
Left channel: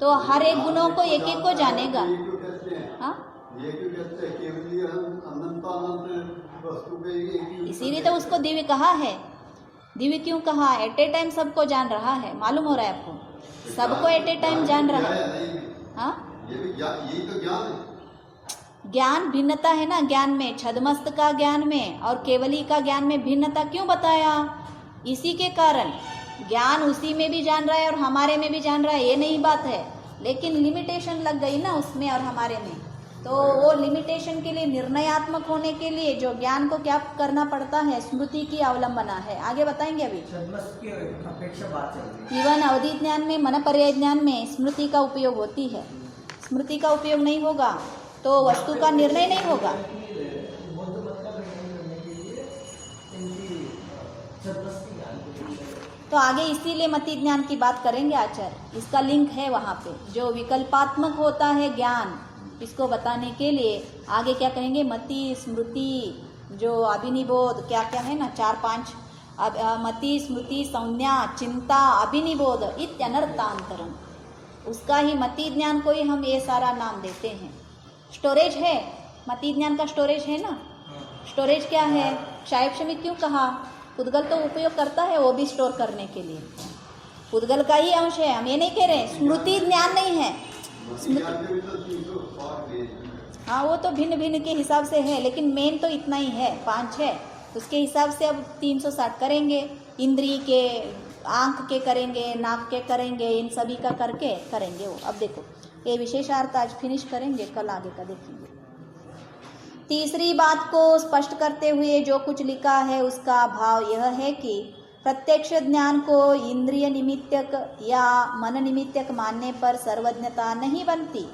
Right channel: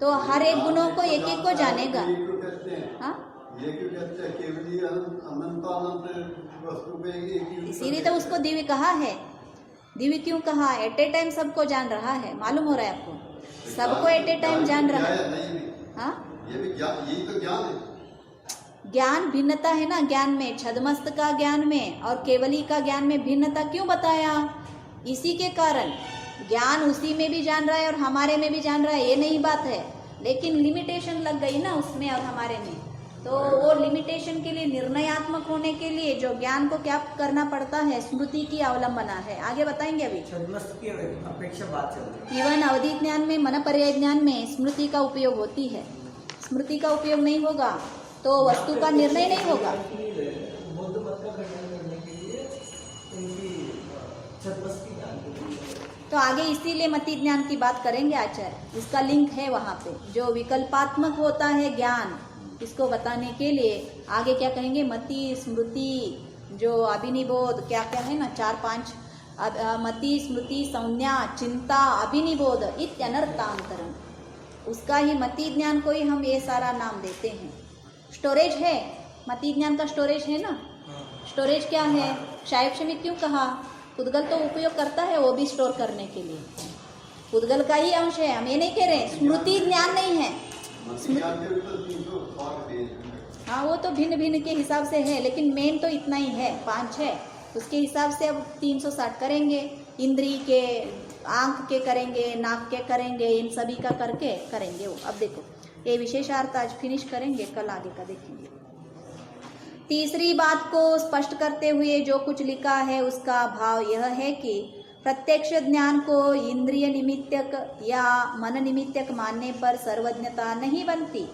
तो हर एक गुणों को एक एक को जानेगा। हाँ, इसीलिए तो उसको दिव्य कहा है। दिव्य क्यों कहा? एट ए टाइम सबको जान रहा है। मालूम हो रहा है आपको? सबको एट ए टाइम जान रहा है। हाँ, यही तो ज्ञान है। ज्ञान भिन्नता है ना ज्ञान में। छदमस्त का ज्ञान में और केवली का ज्ञान में भिन्नता क्यों बताया? इसी के कारण ज्ञान उसी में भी जान रहा है और हमारे में भी जान रहा है, ये नहीं बात है। लेकिन लिमिटेशन लग गई ना उसमें और हमारे में। तो वो लिमिटेशन के लिए, निर्णयात्मक होने के लिए जो ज्ञान को क्या करना पड़ता है? स्मृति की अवलंबना है। आगे बताएंगे अभी। छद्मस्त की अपेक्षा बात चल रही है। इवन अवधि ज्ञान में, मन पर्याय ज्ञान में स्मृति का उपयोग होती है। स्मृति का उपयोग नहीं होगा तो वस्तु का निर्णय नहीं होगा। बौद्ध मत का खंडन करने के लिए इनकी छद्मस्त की ज्ञान तो आगे इसीलिए मति ज्ञान की बात करेंगे आचार्य। इसका लिंक है वहाँ पे, जो विकल्पात्मक होता है ज्ञान, इसको बताने के लिए आगे क्या कहेंगे? मति, स्मृति, जो अभिनिबोध क्या क्या है ना, 4-5 मति, स्मृति, संज्ञा, चिंता, अभिनिबोध इत्यनर्थांतरम। उसका ही मति ज्ञान को ही हम ये सारा नाम देते हैं। स्टोरेज है, मति ज्ञान का स्टोरेज है ना। स्टोरेज क्या है? शैक्षणिक क्यों कहा? पुद्गल तो उपयोग करता है वो भी स्टोर करने के लिए, पुद्गल का ही अंश है। हम ये नहीं कह रहे स्मृति ज्ञान नहीं है। हाँ, वो तो भिन्न भिन्न के हिसाब से है, लेकिन मेन तो इतना ही है, 5 है। उसके हिसाब से अब 360 करेंगे। इंद्री के, आंख के करेंगे, नाक के करेंगे, इन सभी का करके करेंगे वो। अब देखो ये विशेषार्थ आज फिनिश करेंगे, कल आगे का देखेंगे। तीसरी बात को स्पष्ट करते हुए जो कुछ लिखा है उसका भाव यह है कि प्रत्यक्ष ज्ञान को इंद्रिय निमित्तक या मन निमित्तक मानने पर सर्वज्ञता नहीं बनती।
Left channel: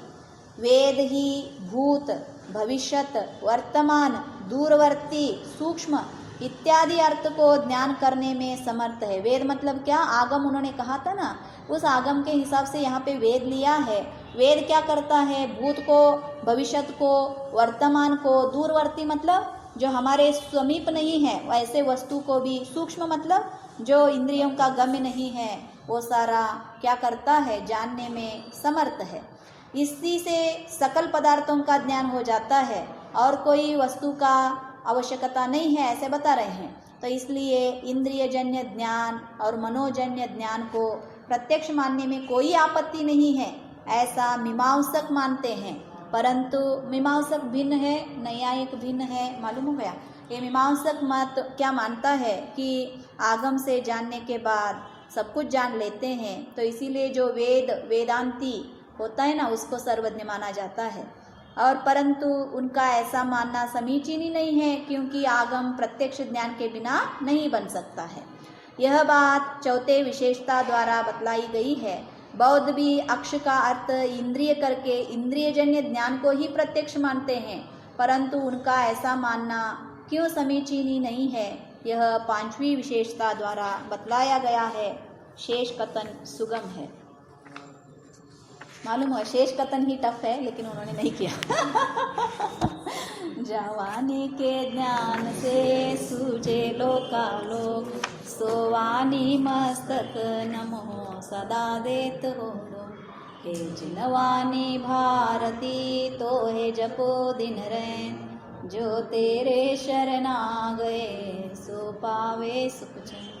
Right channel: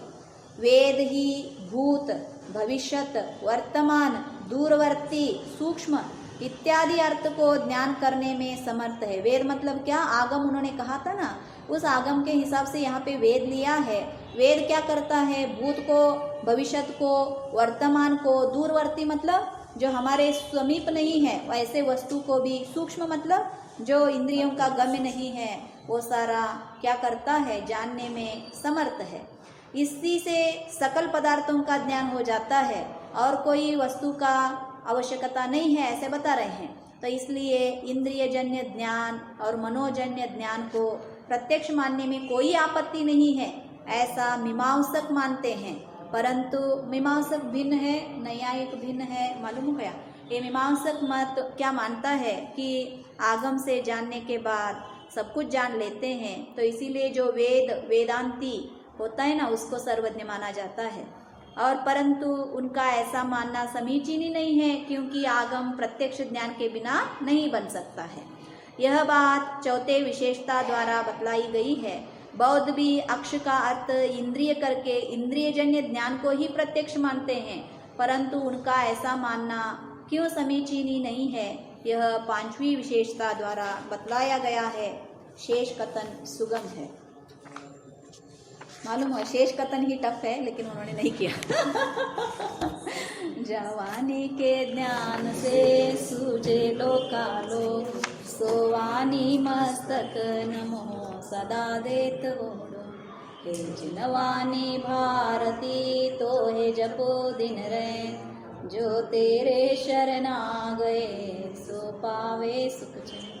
वेद ही भूत, भविष्यत, वर्तमान, दूरवर्ती, सूक्ष्म इत्यादि अर्थ को ज्ञान करने में समर्थ है। वेद मतलब क्या? आगम उन्होंने कहा था ना, उस आगम के हिसाब से यहाँ पे वेद लिया है। वेद क्या करता है? भूत को, भविष्यत को, वर्तमान को, दूरवर्ती मतलब जो हमारे समीप नहीं है वैसे वस्तु को भी, सूक्ष्म मतलब जो इंद्रियों का गम्य नहीं है, वो सारा क्या करता है, जानने में समर्थ है। इसी से सकल पदार्थों का ज्ञान हो जाता है और कोई वस्तु का आवश्यकता नहीं है, ऐसे बता रहे हैं। तो इसलिए इंद्रियजन्य ज्ञान और मनोजन्य ज्ञान को प्रत्यक्ष मानने में कोई आपत्ति नहीं है, ऐसा मीमांसक मानते हैं। परंतु मीमांसक भिन्न है, न्यायिक भिन्न है। मालूम हो गया? ये मीमांसक मत क्या मानता है कि आगम से जानने के बाद सब कुछ जान लेते हैं, तो इसीलिए जो वेदांती होता है ना, उसको सर्वज्ञ माना जाता है। और परंतु उनका ऐसा मानना समीचीन ही नहीं है, क्योंकि आगम प्रत्यक्ष ज्ञान के बिना नहीं बन सकता है। यह बात चौथे विशेषता द्वारा बतलाई गई है। बौद्ध भी अक्ष का अर्थ इंद्रिय करके इंद्रियजन्य ज्ञान को ही प्रत्यक्ष मानते हैं, परंतु उनका ऐसा मानना क्यों समीचीन ही नहीं है, यह पांचवी विशेषता द्वारा बतलाया गया है। शेष कथन सुगम है। मालूम है शेष कथन ही टफ है, लेकिन उन्होंने नहीं किया। जवानी के ज्ञान से सूझे लोकालोक, सोवानी मस्तक नमो सदा देत हो। हे जिनवानी भारती तो है जपो दिन रैन, जो तेरे शरणा गए सो पावे सुख चैन।